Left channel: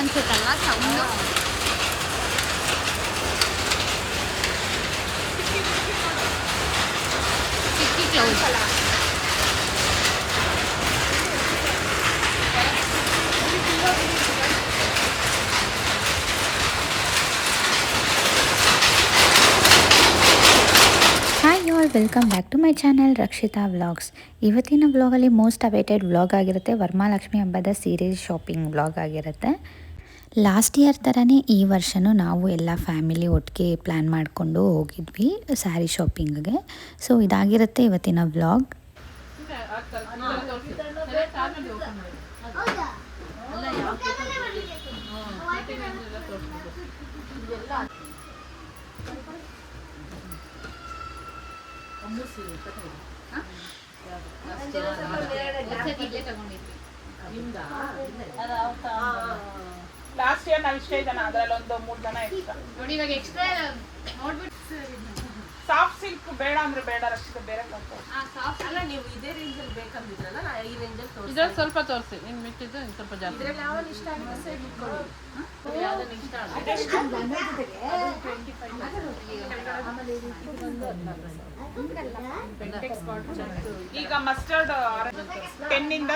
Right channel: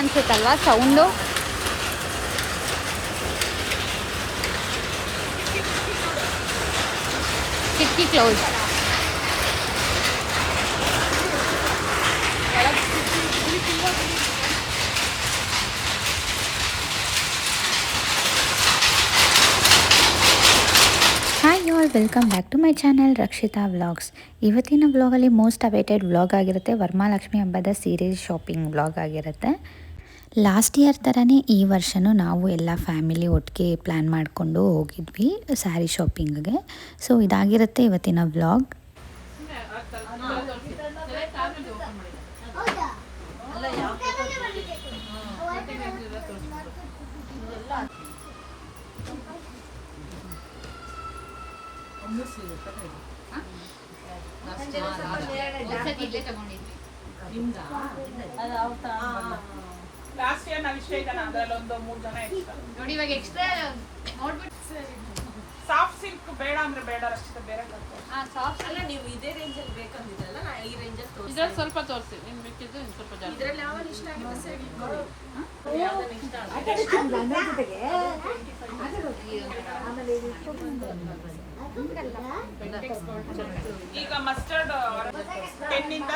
ಅನ್ಸುತ್ತಲ್ವಾ sound. ಚಿಕ್ಕಿ cloud. Hi all, welcome back to my channel Rakshita vlogs. ಇವತ್ತಿನ ವ್ಲಾಗಲ್ಲಿ most awaited vlog ಆಗಿರುತ್ತೆ. ವರಮಹಾಲಕ್ಷ್ಮಿ ಹಬ್ಬದ ಸೀರೆ ಶಾಪಿಂಗ್ ವ್ಲಾಗ್ ಆಗಿರುತ್ತೆ. ಲಾಸ್ಟ್ ಇಯರ್ ಥರನೇ ಈ ವರ್ಷವೂ ನಾವು ಎಲ್ಲ ಫ್ಯಾಮಿಲಿ ಒಟ್ಟಿಗೆ ಪ್ಲ್ಯಾನ್ ಮಾಡಿಕೊಂಡು ಹೋಗಿದ್ವಿ ಸ್ಯಾರಿ ಶಾಪಿಂಗ್ಗೆ. ಸೊ ಇದಾಗಿರುತ್ತೆ ಇವತ್ತಿನ ವ್ಲಾಗ್. ಲಾಸ್ಟ್ ಇಯರ್ ನಾವು ಇಷ್ಟ ಇದ್ದಾನ ಅದ್ರಲ್ಲಿ ಒಂದು 3 ಜನ ಎಕ್ಸ್ಟ್ರಾ ಸಾಫ್ಟ್ ಸಿಲ್ಕ್ ಬೇಡ ಅಂದ್ರೆ ಬೇಡ ರಕ್ಷಿತ ಬೇರೆ ಅಲ್ಲ ನೀವು ಇದೇ ರೇಂಜ್ ಅಲ್ಲಿ ಬೇಕಂತಿದ್ರಲ್ಲ ನಾ ಈ ರೇಂಜ್ ಅಲ್ಲಿ ತೋರಿಸಿ ಇದ್ರಲ್ಲಿ ಸ್ವಲ್ಪ ತೋರಿಸಿ ನಿಮ್ ಬಿಟ್ಟಿದ್ದು ಸ್ವಲ್ಪ ಜಾಸ್ತಿ ಇದ್ರಲ್ಲಿ ಯಾವ ಇಷ್ಟ ಆಗಿದೆ ಸೈಡ್ ಇಟ್ಕೊಳ್ಳಿ ಯಾವ್ದನ್ನ ಇಷ್ಟ ಈಗ ಮಸ್ಟರ್ಡ್ 10 ಇಂದ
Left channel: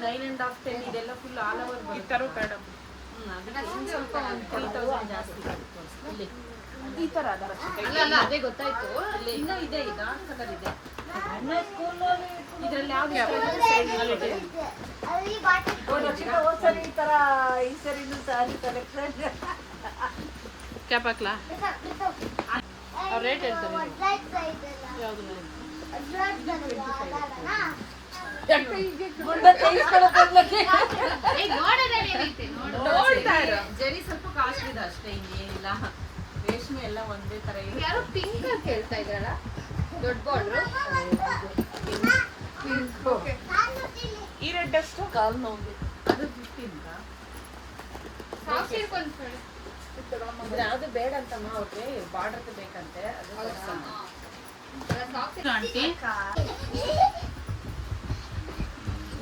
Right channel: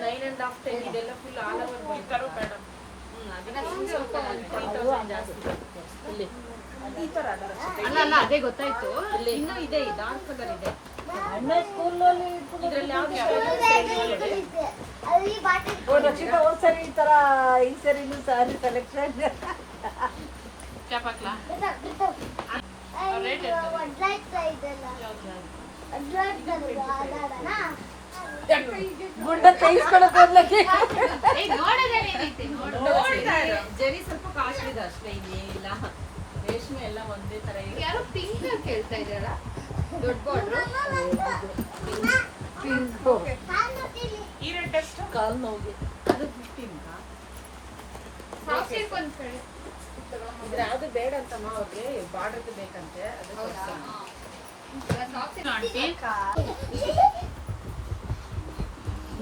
9.5 10 ಇದೆಲ್ಲ ಫುಲ್ ಆಲ್ ಓವರ್ ಬರ್ತರು ಮೇಡಮ್. ಅದಕ್ಕೆ ಸ್ವಲ್ಪ 3000 ಜಾಸ್ತಿ ಇಲ್ಲಿ ಈ ತರ ಅಲ್ಲ ಅದೇ ಗೊತ್ತಾಯ್ತು. ಇನ್ನೂ ಇದೆ ಡಾರ್ಕ್ ಕಲರ್ ಇದೆ. ಇದ್ರಲ್ಲಿ ಯಾವ್ದು ಇಷ್ಟ ಆಗಿದೆ ಈ ತರ ಈ ಸರಿನೂ ಸಾರಿ ಕಲೆಕ್ಷನ್ ಕ್ಯಾಪ್ ಹಾಕ್ಲಾ ರೇಟ್ ಹೇಳ್ತಾರೆ ಜರಿ ಸ್ವಲ್ಪ ಕಾಸ್ಟ್ಲಿ ಇದೆ ಅಷ್ಟೇ, ಇನ್ನೇನಿಲ್ಲ. ರೇಷ್ಮೆ ಎಲ್ಲ ಒಂದೇ ತರ ಇದೆ. ಯಾರು ಪಿಂಕ್ ಅಂತ ಹೇಳ್ತಾ ಇದಾರ? ದೊಡ್ಡ ಬಾರ್ಡ್ರು ಪಿಂಕ್. ಈ ರೇಟ್ ಎಷ್ಟು? ಕಾಲ್ ನೋವು ಅದು 15 ಇದ್ರೆ ಅದು ಬೇಡ ಅಂತಮ್ಮ ಅವ್ರಿಗೆ ಬಾರ್ಡರ್ ಬೇಕಂತೆ. ಅದು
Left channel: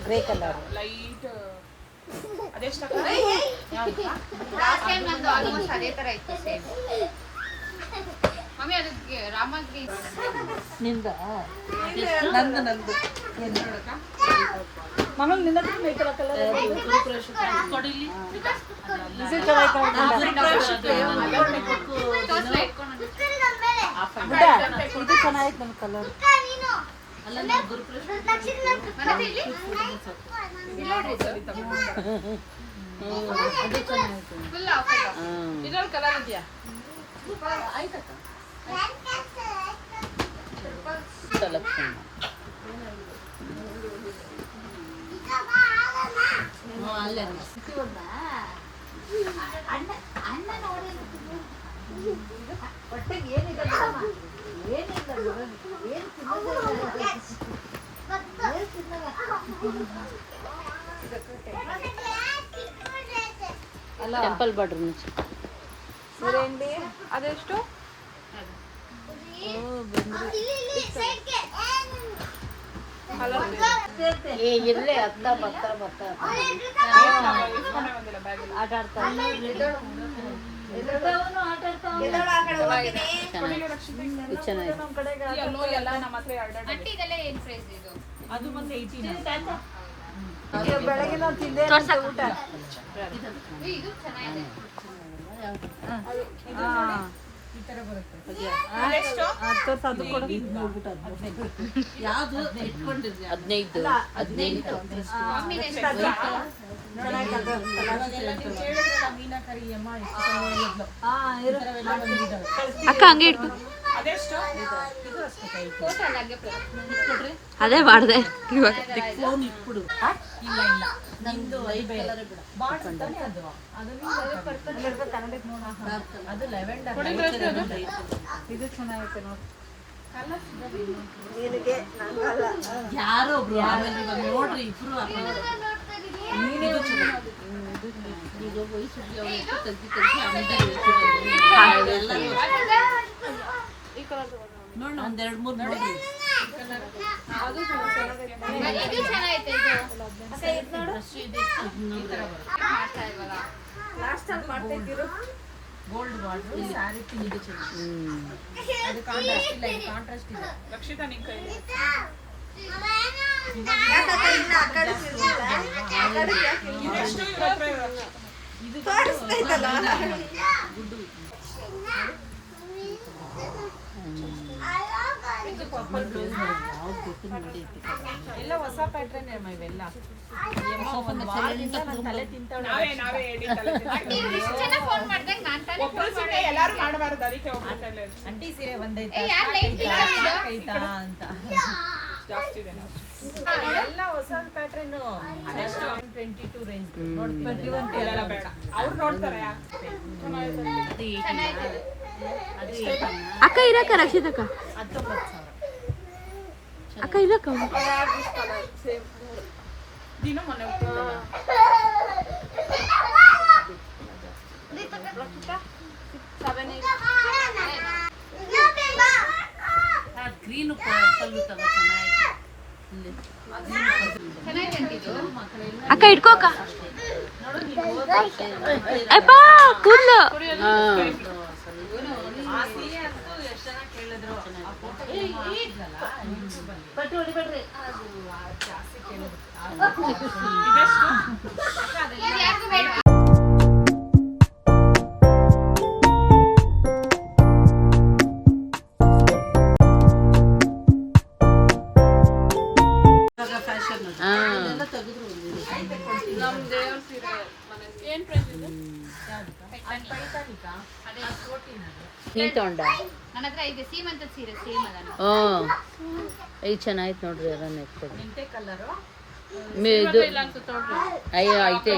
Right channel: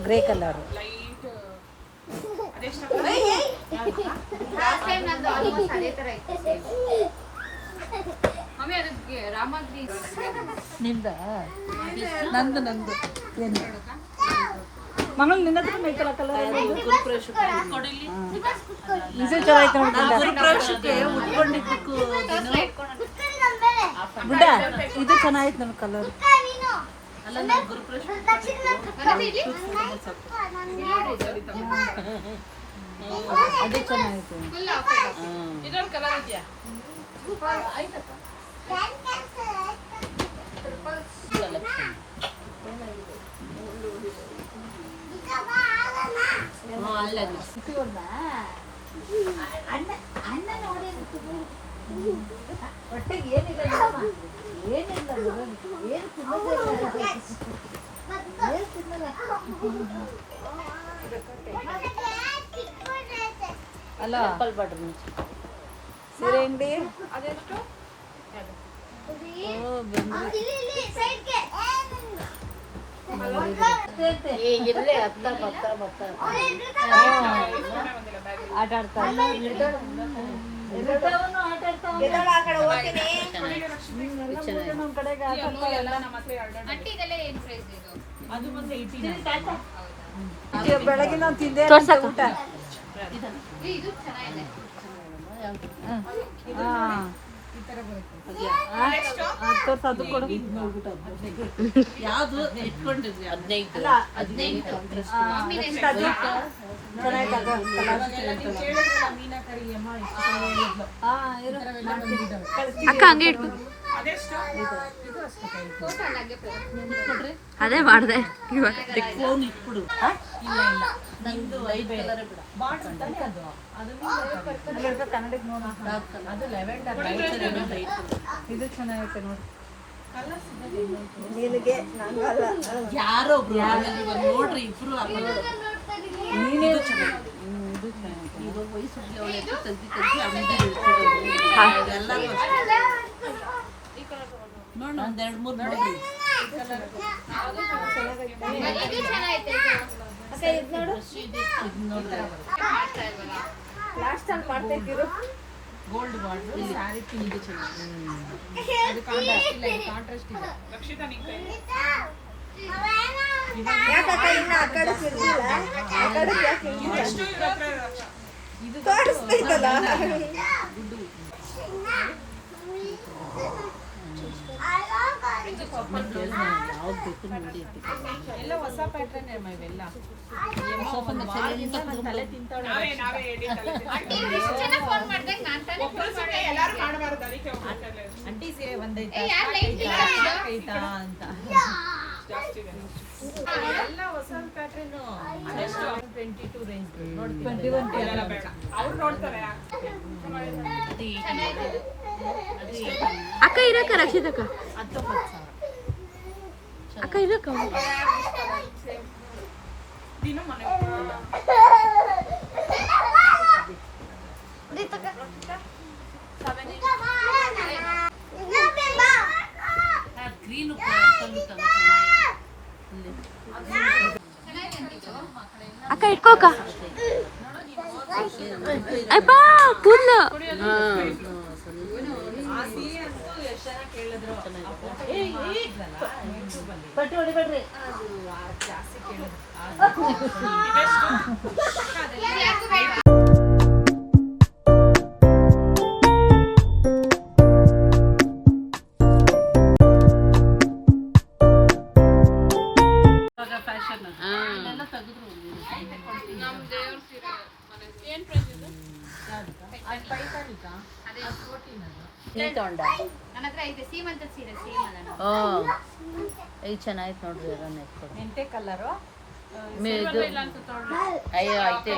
ಗ್ರೇ ಕಲರ್ ಲೈಟ್ ಅದೆಷ್ಟು ಲಾಸ್ಟ್ ಟೈಮ್ ನಂದು ಆಲ್ಮೋಸ್ಟ್ ಅದೇ ತರ ಇತ್ತು ಸೇಮ್. ಮಮ್ಮಿ ಅದಕ್ಕೆ ರಾಮಗ್ರಿ ನಿಂದ ನಂದು ಏನು ನೋಡಕ ಮಗಳು ನಿನ್ನ ಬೇಕಲ್ಲ ಕಲರ್ ಗುರುಪ್ರವೇಶ ಕೊಡಿಲಿ ಇದು ಚೆನ್ನಾಯ್ತು ಬಿಡ ಇದು ಚೆನ್ನಾಯ್ತು ನಮ್ಮ ಕಲರ್. ಅಲ್ಲ ನಮ್ಮ ಗುರುಪ್ರವೇಶ ಅದು ಚೆನ್ನಾಯ್ತು. Full offer. ಇನ್ನೊಂದು ಕಲರ್ ಇದೆಯಾ? ಆಯ್ತಕ್ಕ ಟೆಂಪಲ್ ಬಾರ್ಡರ್ ಸೀರೆ ಅಂಗಡಿ ಅದೆಷ್ಟು? ಇಲ್ಲೇ ಹತ್ತ ಬತ್ತ ಎಲ್ಲ ನಮ್ಮ ಹತ್ರ ಅಟ್ಟಿ ಇದೆಲ್ಲ ಏನ್ ಪ್ರೈಸ್ ಇದು? ಅದು ಬಂದು 18 ಬೆಳಗ್ಗೆ ನಾವು ತಿಂದೆ ಇದು ಚೆನ್ನಾಗಿದೆ. ಈ ತರ ಬರುತ್ತೆ. ಯಾವ್ದು ಇಟ್ಕೊಂಡಿದ್ರಿ? 15 ಮೀನಾಕರಿ ಅಮ್ಮ ಅಕ್ಕ ಹಂಗೆ ಇಟ್ಕೊ. ಅದೆಷ್ಟು? ಅದೇ ಮಾಡಿದೆ ಇವಾಗ. ಫೋನ್ ಇಟ್ಬಿಡು. ಇಲ್ಲ ಇಲ್ಲ ನಿಮ್ದು ಬೇರೆ ಬಾರ್ಡರ್ ತಾನೆ ಅದು. ಅದು ಕನ್ನಡಕ್ಕೆ ನೋಡ ಅದು ಲೆವೆಂಡರ್ ಇದು ಚೆನ್ನಾಗೈತೆ ನೋಡಿ. ಯಾರೋ ಒಬ್ರು ನೋಡ್ರಿ ಇಬ್ರು ನೋಡ್ ಒಂದ್ 2-3 ನೋಡ್ರಿ. ಇದು ಚೆನ್ನಾಗೈತೆ ಇದು. ಮಾಡ್ತಾ ಇಲ್ವಲ್ಲ ಗೋಲ್ಡ್ ಬಾರ್ಡರ್ ಸ್ಯಾರಿ ಪಿಂಕ್ ಅದು ಕಾಂಟ್ರಾಸ್ಟ್ ಇಲ್ಲ, ಇದು ಕಾಂಟ್ರಾಸ್ಟ್ ಇದೆ. ರಕ್ಷಿತಾ ನಿನ್ ಕೈ ಎಷ್ಟು ಇವ್ರ ಹತ್ರ ಇದು ಇದು ಪರ್ಪಲ್ ಬ್ಲೌಸ್ ಎಲ್ಲ ಹೊಸ ಪ್ಯಾಟ್ರನ್ ಇವೆಲ್ಲ. ಒಂದು ವಾರದಿಂದ ನನ್ನ ತಲೆ ತಿಂತಾಳೆ. ನಾವೇ ಹೇಳಿ ಒಬ್ರು ಸುಮ್ನೆ ಎಲ್ಲಾರು ಮಾಡಬಾರ್ದು, ಅದಕ್ಕೆ ಹೋಗ್ಬಿಟ್ಟಲ್ಲ ಅಂಟಿ ಸೀರೆ ಬಂದೈತಾ ಐತಾ ಅಂತ ಜಾಸ್ತಿ ಇದೆ ಎಲ್ಲ ಹೊಸ ಪ್ಯಾಟ್ರನ್ 22 ರೇಂಜ್ ನೋಡ್ತೀವಿ. ಬೇಡ ಅವ್ರು ನೋಡ್ತಾರೆ. ಅಕ್ಕ ಇರಕ್ಕ ರಕ್ಷಿತಕ್ಕ 19,000. ಅಕ್ಕ ಇರಕ್ಕ ದಿನ ಮನೆ ಗ್ರೀನ್ ಪರ್ಪಲ್ ತಗೋ ಚೆನ್ನಾಗಿದೆ. ಅಕ್ಕ ಇಟ್ಕೋಕ ಅಪ್ಪ ಕೂದ್ಲು ಆ ಸೀರೆ ಅಂತೂ ಎಷ್ಟು ಜನ ಕೇಳಿದ್ರು. ಆ ಫೋಟೋ ಹಾಕಿದ್ರಲ್ಲ ಯೂಟ್ಯೂಬಲ್ಲಿ, ಅದು ಜಾಸ್ತಿ ಕೇಳಿದ್ರು. ಏನ್ ಪ್ರೈಸ್ ಇದೆ? ನನ್ನ ಹತ್ರ ಈಗ ಸೀಮಂತದ ಸೀರೆ ಸೇಮ್ ಅದ. ಈಗ ಚೆನ್ನಾಯ್ತು ನೋಡ್ರಿ ಅದನ್ನ ಎತ್ಕೊಡಿ. ಮೆಂತೆ ಕಲರು ಇದು ಅಯ್ಯೋ ಐತೆ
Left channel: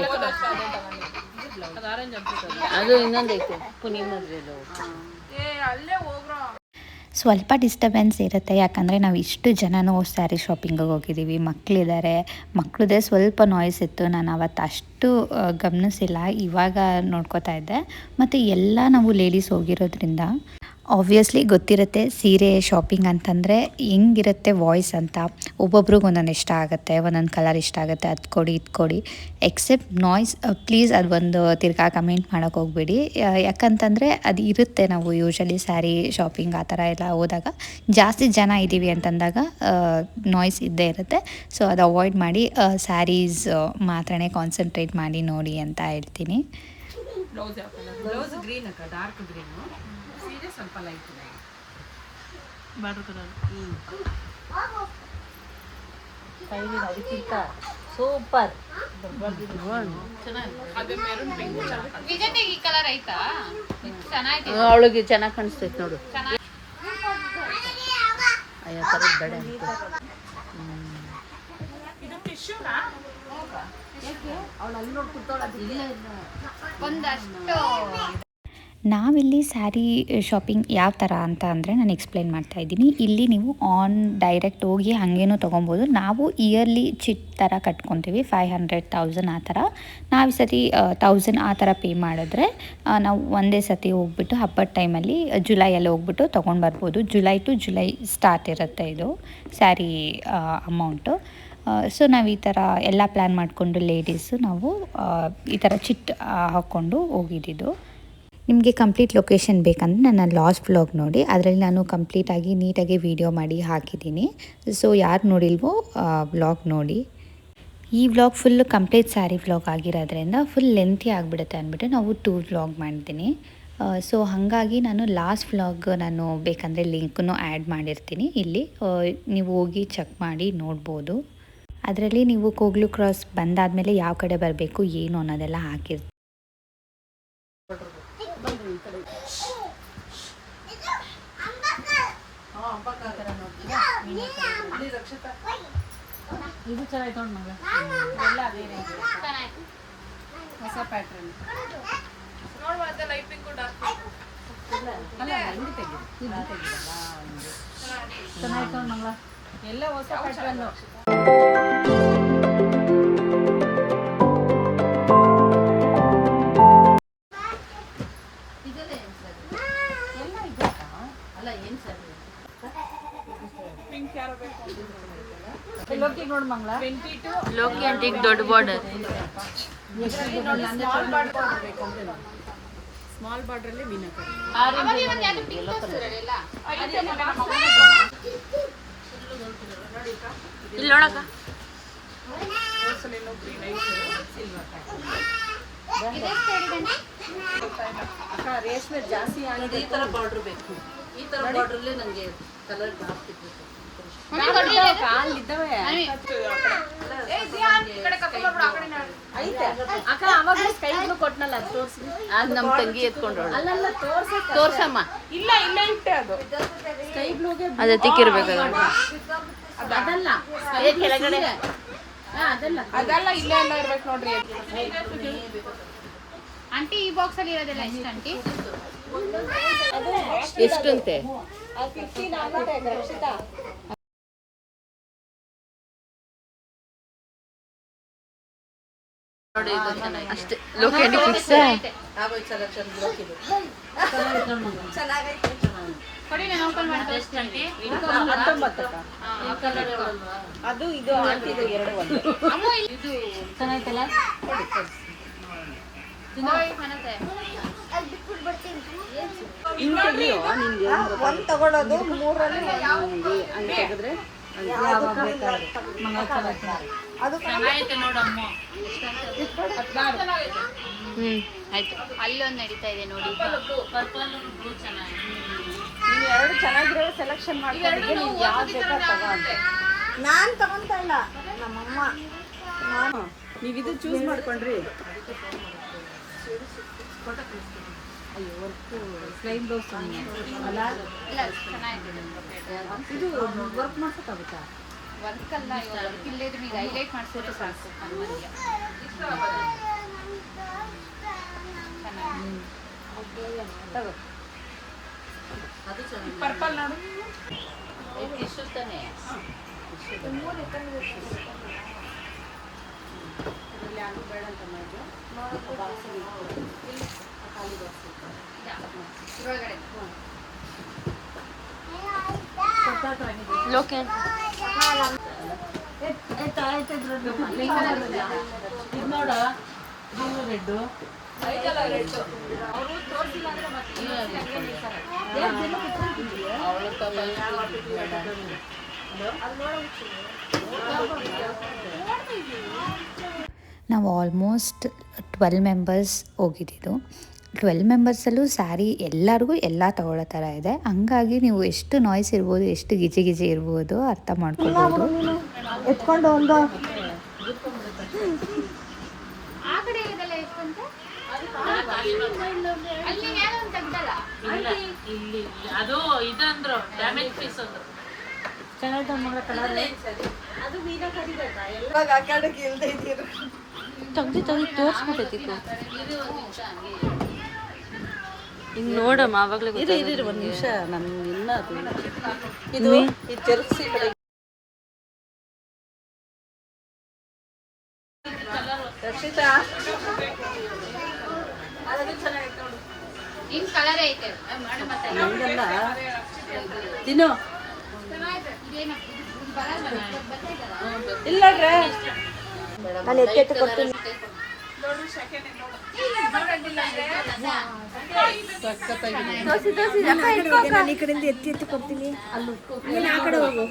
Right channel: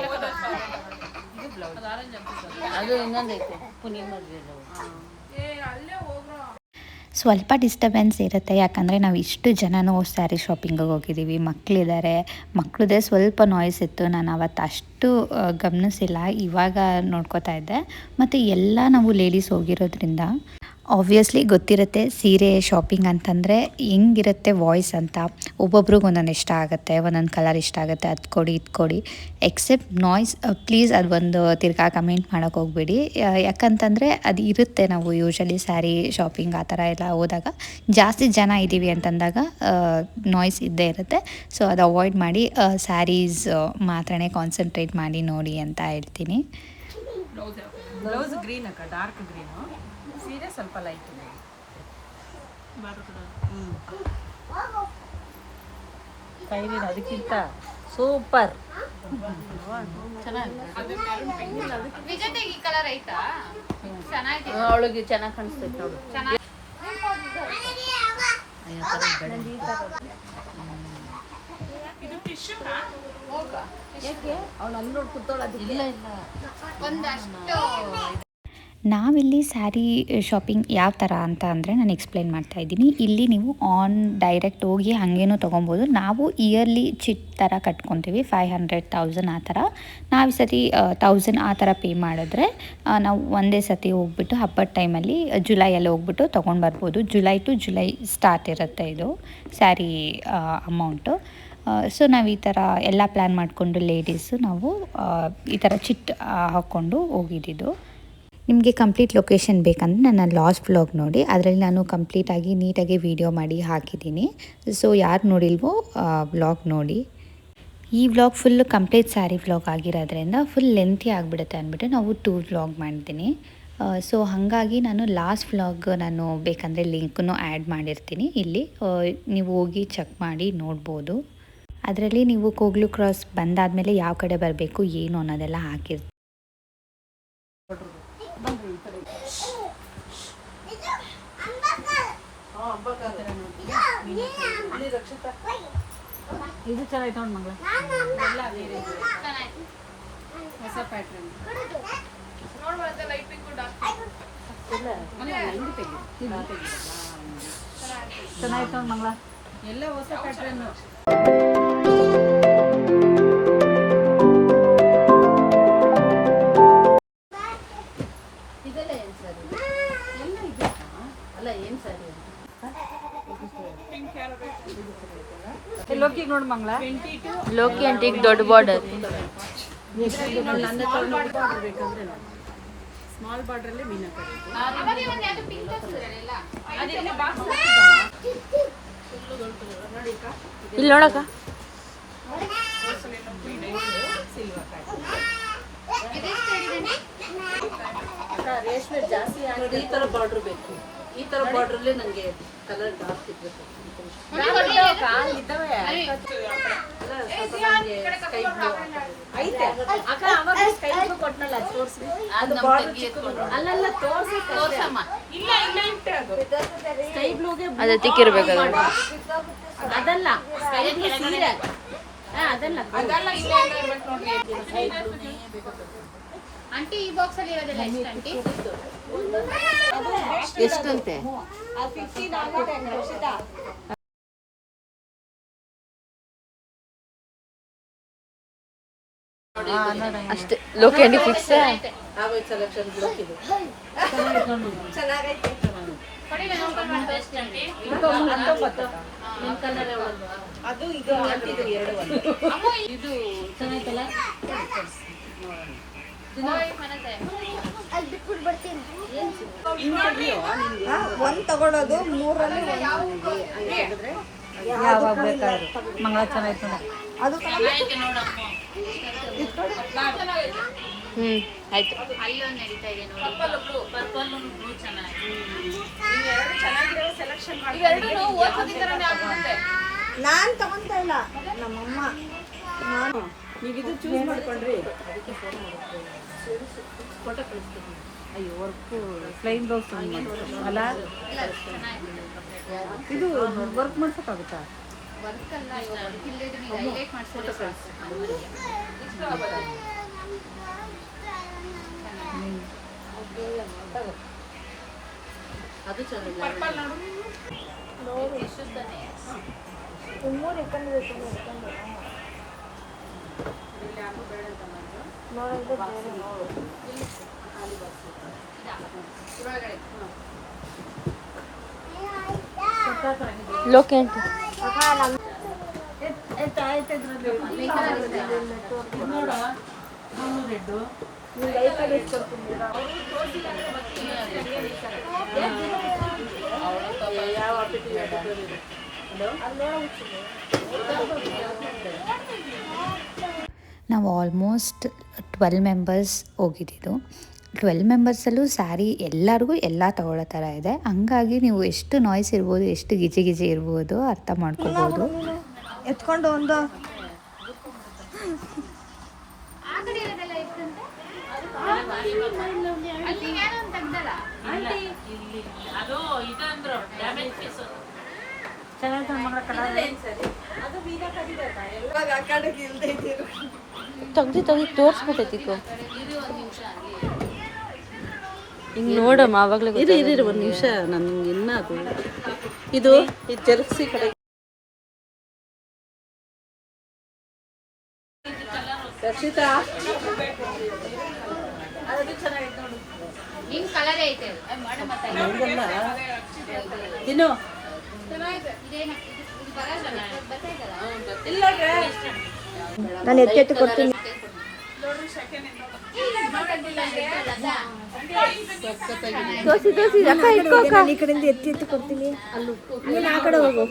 ಅದು ಇನ್ನೊಂದು ಐತೆ ಪುನಿಮರ್ರಿ ಅಲ್ಲೇ ಹೋಗ್ರೋ. ಸ್ವಲ್ಪ ಡಿಸ್ಟರ್ಬೆನ್ಸ್ ಇರುತ್ತೆ, ಯಾಕಂದರೆ ನಾವು ಇಷ್ಟು ಜನನೂ ಸ್ಯಾರಿ ಶಾಪಿಂಗಿಗೆ ಹೋಗಿದ್ದೀವಿ. ಮಕ್ಕಳಿದ್ದಾರೆ, ಮಕ್ಕಳದೇ ಸ್ವಲ್ಪ ನಾಯ್ಸ್ ಇತ್ತು. ನಾನು ಅವತ್ತು ಅಷ್ಟು ಗಮನಿಸಿಲ್ಲ, ಇವಾಗ ನೋಡ್ಕೋತಾ ಇದ್ದೆ. ಮತ್ತು ಎಲ್ಲ ನಾವು ಲೇಡೀಸ್ ಹೋಗಿರೋದ್ರಿಂದ ಆಬ್ವಿಯಸ್ಲಿ ಗೊತ್ತಿರುತ್ತೆ ಸೀರೆ ಶಾಪಿಂಗ್ ಅಂತಂದರೆ ಹೆಂಗಿರುತ್ತೆ ವಾಯ್ಸ್ ಅಂತ. ಒಬ್ಬೊಬ್ರಿಗೆ ಒಂದೊಂದು ಇಷ್ಟ ಆಗುತ್ತೆ, ಒಂದೊಂದು ಕಲರ್ ಇಷ್ಟ ಆಗುತ್ತೆ, ಅದು ಕೊಡಿ ಇದು ಕೊಡಿ. ಎಕ್ಸೆಪ್ಟ್ ನಾಯ್ಸ್, ಪ್ಲೀಸ್ ಅದು ಒಂದು ತಿರ್ಗಾ ಕಮೆಂಟ್ ಮಾಡೋಕ್ಕೆ ಹೋಗ್ಬೇಡಿ. ಯಾಕಂತಂದರೆ ಅದು ಇರುತ್ತೆ, ನಾವು ಯೂಶ್ವಲಿ ಸ್ಯಾರಿ ಶಾಪಿಂಗ್ ಆ ಥರ ಎಲ್ಲ ಹೋದಾಗ ಜಾಸ್ತಿ ಜನ ಇದ್ದೀವಿ ಅಂತಂದಾಗ ನಾಯ್ಸ್ ಇದ್ದೇ ಇರುತ್ತೆ. ಸೊ ಅದು ಅವಾಯ್ಡ್ ಮಾಡಿ, ಸ್ಯಾರೀಸ್ ಮಾತ್ರನೇ ಕಾನ್ಸಂಟ್ರೇಟ್ ಮಾಡಿ ನೋಡಿ ಅಂತ ಹೇಳ್ತೀನಿ. ಬ್ಲೌಸ್ ಗ್ರೀನ್ ಅಕ್ಕ, ಡಾರ್ಕ್ ಗ್ರೀನು. ಸೀರೆ ಸ್ವಲ್ಪ ಲೈಟ್ ಇದೆ. ಕೈಲಿ ಅದಕ್ಕಿಂತ ಸೂಪರ್ ವಿಜಯ್ ಈ ಕಲರ್ ಐತಾ? ಚೆನ್ನಾಗಿದೆ. ಅವಳಿಗೆ ಚೆನ್ನಾಗಿ ಕಾಣಿಸ್ತೈತೆ ನೋಡು. ಅಯ್ಯೋ ಬೇಡ ಇದು ಟಿಶ್ಯೂನಾ? ಇಲ್ಲ ಇಲ್ಲ ಒಂದಷ್ಟು ನಾವಿಲ್ಲಿ ಸ್ಯಾರಿ ಶಾಪಿಂಗ್ ಯಾವ ಥರ ಅಂತ ಅಂದರೆ ನಾನು ಎಕ್ಸ್ಪ್ಲೇನ್ ಮಾಡ್ತಾ ಇದ್ದೀನಿ. ಇಲ್ಲಿ ನೀವು ಡೈರೆಕ್ಟ್ ಹೋಗಿ ಹಾಗೇನೂ ತೊಗೊಬೋದು. ನಾವು ಇಯರ್ಲಿ ಚಿಟ್ ಥರ ಕಟ್ಕೊತೀವಿ, 500,000 ಆ ಥರ. ನಾವು ಈ ಸತಿ 1000 ಆ ಥರ ಪೇ ಮಾಡಿದ್ರೆ ನಾವು ಒಂದೇ ಸತಿ ಹೋಗ್ಬಿಟ್ಟು ಹಬ್ಬದ ಟೈಮಲ್ಲಿ ಜುಲೈಯಲ್ಲಿ ಹೋಗ್ಬಿಟ್ಟು ತೊಗೊಂಡು ಬರ್ಬೋದು. ಜುಲೈ ಟು ಜುಲೈ ಸ್ಟಾರ್ಟ್ ಇರುತ್ತೆ ಇದು ಸ್ಯಾರಿ ಅಮೌಂಟು. ಸೊ ನಾವು ಈ ಥರ ಎಲ್ಲ ಪ್ಲ್ಯಾನ್ ಮಾಡಿಕೊಂಡು ಲೇಡೀಸು ನಾವು ಈ ಥರ ಚಿಟ್ ಹಾಕ್ಕೊಂಡು ಹೋಗಿದ್ದಿದ್ದು. ನಿಮಗೆ ಕಂಪ್ಲೀಟ್ ಲೊಕೇಶನ್ ಬೇಕಂದರೆ ನನ್ನ ಲಾಸ್ಟ್ ವ್ಲಾಗ್ ನೋಡಿ, ಅದರಲ್ಲಿ ನಾನು ಕಂಪ್ಲೀಟಾಗಿ ನೀಟಾಗಿ ವೀಡಿಯೋ ಮಾಡಿ ಹಾಕಿದ್ದೀನಿ. ಸೊ ಯಾರು ನೋಡಿಲ್ವೋ ವ್ಲಾಗ್ ನೋಡಿ. ಈ vlog full complete sari vlog ಆಗಿರೋದ್ರಿಂದ ಫುಲ್ ಲೆಂತಿ ಆಗಿಬಿಡುತ್ತೆ ಅಂದ್ಬಿಟ್ಟು ನಾವು 2 ವ್ಲಾಗ್ ಮಾಡಿದ್ದೀನಿ. ಸೊ ಹಾಗಾಗಿ ನಾನು ಲಾಸ್ಟ್ ವ್ಲಾಗ್ ನಾನು ಬೇಕಂದರೆ ಲಿಂಕನ್ನು ಆ್ಯಡ್ ಮಾಡಿರ್ತೀನಿ ಇಲ್ಲಿ, ನೀವು ಹೋಗಿ ಚೆಕ್ ಮಾಡಿ ನೋಡ್ಬೋದು. ಅದರಲ್ಲಿ ನೀವು ಕೋಗ್ಲು ಕ್ರಾಸ್ ಬಂದಾದಮೇಲೆ ಯಾವ ಕಡೆ ಬರಬೇಕು ಏನು ಅನ್ನೋದೆಲ್ಲ ಹಾಕಿರ್ತೀನಿ. ಇದು ಚೆನ್ನಾಗಿ ನೋಡಿ ಮಗ. ಎಲ್ಲ ಬೇರೆ ಹೊಸ ಪ್ಯಾಟ್ರನ್ ನೋಡುವಂತ ಲೈಟ್ ಪಿಂಕ್ ಡಾರ್ಕ್ ಇಲ್ಲ ಅಲ್ಲ ಇಲ್ಲಿ ತೆಗಿ ಇದು ತೆಗಿ ಚೆನ್ನಾಗಿ ನೋಡಿ ಮಗ. ಎಲ್ಲ ಹೊಸ ಪ್ಯಾಟ್ರನ್. ಇದೆಲ್ಲ ಏನು ಸರ್? ಎಲ್ಲ ಇದೆ ಅಲ್ಲ ಏನು ಸರ್? ಪಿಂಕ್ ಯಾರು ಬೇಕು? ಲೋಕಿ ನೋಡು ಮಂಗ್ಲ. 22 ಲೋಕಿ ಅಂಟಿಗೆ ದೊಡ್ಡ ಬಾರ್ಡರ್. ಸ್ಮಾಲ್ ಬಾರ್ಡರ್ ಬೇಕಂದ್ರೆ ನೋಡಿ, ಸ್ಮಾಲ್ ಬಾರ್ಡ್ರಲ್ಲೇ ಮೀನಾಕರಿ ಅವಾಗಲೇ ಒಂದು ಯಾವ್ದು ಪಿಂಕ್ ತೋರಿಸಿದ್ರಲ್ಲ ಇಲ್ಲಿ ನೋಡಕ್ಕ. Silver pattern. ಇದೆಷ್ಟು ಹೇಳಿದಂడి ಅಕ್ಕ ರೇಷ್ಮೆ ಜಾಸ್ತಿ ಆಗಿದೆ. ಈ ಥರ ಬಾರ್ಡ್ರ್ ಬೇಕು. ಈ ಥರ ಬಾರ್ಡ್ರಲ್ಲೇ ನನಗೆ ಕಲರ್ ಜಾಸ್ತಿ ಬೇಕು. ಐತೆ ಅಕ್ಕ, ಅವಾಗ ಸ್ಕೈ ಬ್ಲೂ ಕೊಟ್ನಲ್ಲ, ಅದು ತೋರಿಸಿ. ಅದು ನಮ್ಮ ತಂಗಿ ಎತ್ಕೊಂಡು ಅಲ್ಲಲ್ಲ, ತೋರ್ಸಮ್ಮ. ಇಲ್ಲ ಇಲ್ಲ ಇಟ್ಟೆ ಅದು ಸ್ಕೈ ಬ್ಲೂಗೆ ಅದು ತಿಕ್ಕಿರ್ಬೇಕಲ್ಲ. ಅದಲ್ಲ, ಸ್ಕೈ ಬ್ಲೂ ಸೀರೆ. ಅದಲ್ಲ ಅದೆಲ್ಲ ಇಲ್ಲೇ ಇಲ್ಲ ಇರ್ಬೇಕು ನೋಡ್ರಿ. ಆಂಟಿ ಈ ಬಾಕ್ಸ್ ಅಲ್ಲಿ ಇರೋದಿಲ್ಲ ಎಷ್ಟು ಆಂಟಿ ಎಷ್ಟಂತೆ? ಅಷ್ಟೇ ಲೋಕೇಂಡಿ ಫಿಕ್ಸ್. ಆಗೋಯ್ ಸೆಲೆಕ್ಷನ್ ಬ್ಲಾಕ್ ಇದು. ಕೊಡಿ ನಾನು ಓಪನ್ ಮಾಡ್ತೀನಿ 19 ಈ ಕಲರ್ ಹೇಳಲ್ವಾ? ಅದು ಇದು ಹಾಕಿದ್ದು ಎರಡು ಒಂದೇ. ಅಮ್ಮ ಇದು ಚೆನ್ನಾಯ್ತಲ್ಲ? ಒಂದು ತಗೊಳ್ಳೋದು ಮೂರಲ್ಲಿ ಹಂಗೆ ತೆಗೆದ್ರೆ ಯಾವಾಗ ಬೇಕಾದ್ರೆ ಮಂಗಳ ಚೆನ್ನಾಯ್ತು. ಅದು ಆಯ್ತು. ಅಲ್ಲೊಂದು ನಡೀತಾ ಇದೆ ನೋಡಿ ಎರಡು ಚೆನ್ನಾಗಿರೋ ಸೆಲೆಕ್ಷನ್ ಮಾಡ್ಕೊಂಡು ನಾನು ತಗೊಂತ ಇಲ್ಲ, ನಮ್ಮಮ್ಮ. ನಾನು ನೀವಿದು ಚೂಸ್ ಮಾಡ್ಕೊಂಡ್ರಿ. ಅಯ್ಯೋ, ವರ್ಕು ಪ್ಲೈನ್ ಬ್ಲೌಸ್ ಅಲ್ಲ, ಇದು ವರ್ಕ್ ಮಾಡ್ಸೋಕ್ಕಾಗುತ್ತಾ? ವರ್ಕಲ್ಲ ಇಲ್ಲದೆ ನೀವು ಹೈಲೈಟ್ ಮಾಡಿಸೋದು ಸಾಕು ಅದು ಚೆನ್ನಾಗಿಲ್ಲ. ಎಷ್ಟು ತಾನೆ? ಅದರಲ್ಲಿ ಯಾರು ಬೇಡ ಅಂತ ಮಾಡಿದ್ರು. ಬಾಕ್ಸಿಗೆ ಇಟ್ಕೊಂಡು ಖಾಲಿ ಬಾಕ್ಸ್ ಇದ್ರೊಳಗಡೆ ಲೋಕೆ ಇದು ನೋಡ, ಇದು ರೆಡ್ಡು. ನಾವು ಆಲ್ಮೋಸ್ಟ್ 12 ಮೆಂಬರ್ಸ್ ಹೋಗಿದ್ದಿದ್ದು. 12 ಮೆಂಬರ್ಸಲ್ಲೂ ಸ್ಯಾರಿ ಎಲ್ಲರಿಗೂ ಎಲ್ಲ ತಗೊಳ್ಳೋ ಥರ ಇದೆ. ಹಂಗಾಗಿ ನೀವು ಎಷ್ಟು ನಾಯ್ಸ್ ಇರ್ಬೋದು, ಎಷ್ಟು ಗಿಜಿ ಗಿಜಿ ಇರ್ಬೋದು ಅರ್ಥ ಮಾಡ್ಕೋಬೋದು. ಎತ್ಕೊಂಡು ಒಂದು ಆ ಕಡೆ ಇರೋದೆಲ್ಲ ಎಷ್ಟಂತೆ ಅಲ್ಲಿ ಯಾರೋ ಒಂದು ತೆಗ್ದಲ್ಲ ಇಲ್ಲಿ ಅದು ಇದಂದ್ರು ಡ್ಯಾಮೇಜ್ ಪೀಸ್ ಅದು. ಚೆನ್ನಾಗಿದೆ ಮಗಳ ಕಲರ್. ಅದು ಮೀನಾ ಕರಿಬೇಕಾ ಎಲ್ಲ ಹಾಕಾಡಕ್ಕೆ ಇಲ್ದೇ ಇದ್ದೀರು. ತೆಗ್ದು ತೋರಿಸ್ಬಿಟ್ಟೈತಿಕೋ. ಹಿಂಗೆ ನೋಡಮ್ಮ, ಆವಾಗಲೇ ಇರು ಒಂದು ನಿಮಿಷ, ನನ್ಗೆ ಇನ್ನ ಅದು ಇದು ಜರ್ಸಿ ಕಡೆ ರಕ್ಷಿತಾ ನಿಮ್ ಕಲರ್ ಐತೆ ನಂಗಲ್ಲ ತಿನ್ನು. ಇದು ಬರಲ್ಲ ಇಲ್ಲ ನಾನು ಎತ್ತೆತ್ತು ಕೊಡ್ತೀನಿ. ನಾನು ಈ ಕಡೆಯಿಂದ ಎತ್ತಿ ಎತ್ತಿ ಕೊಡ್ತೀನಿ. ನೀನು ಆ ಕಡೆ ಹೋಗು,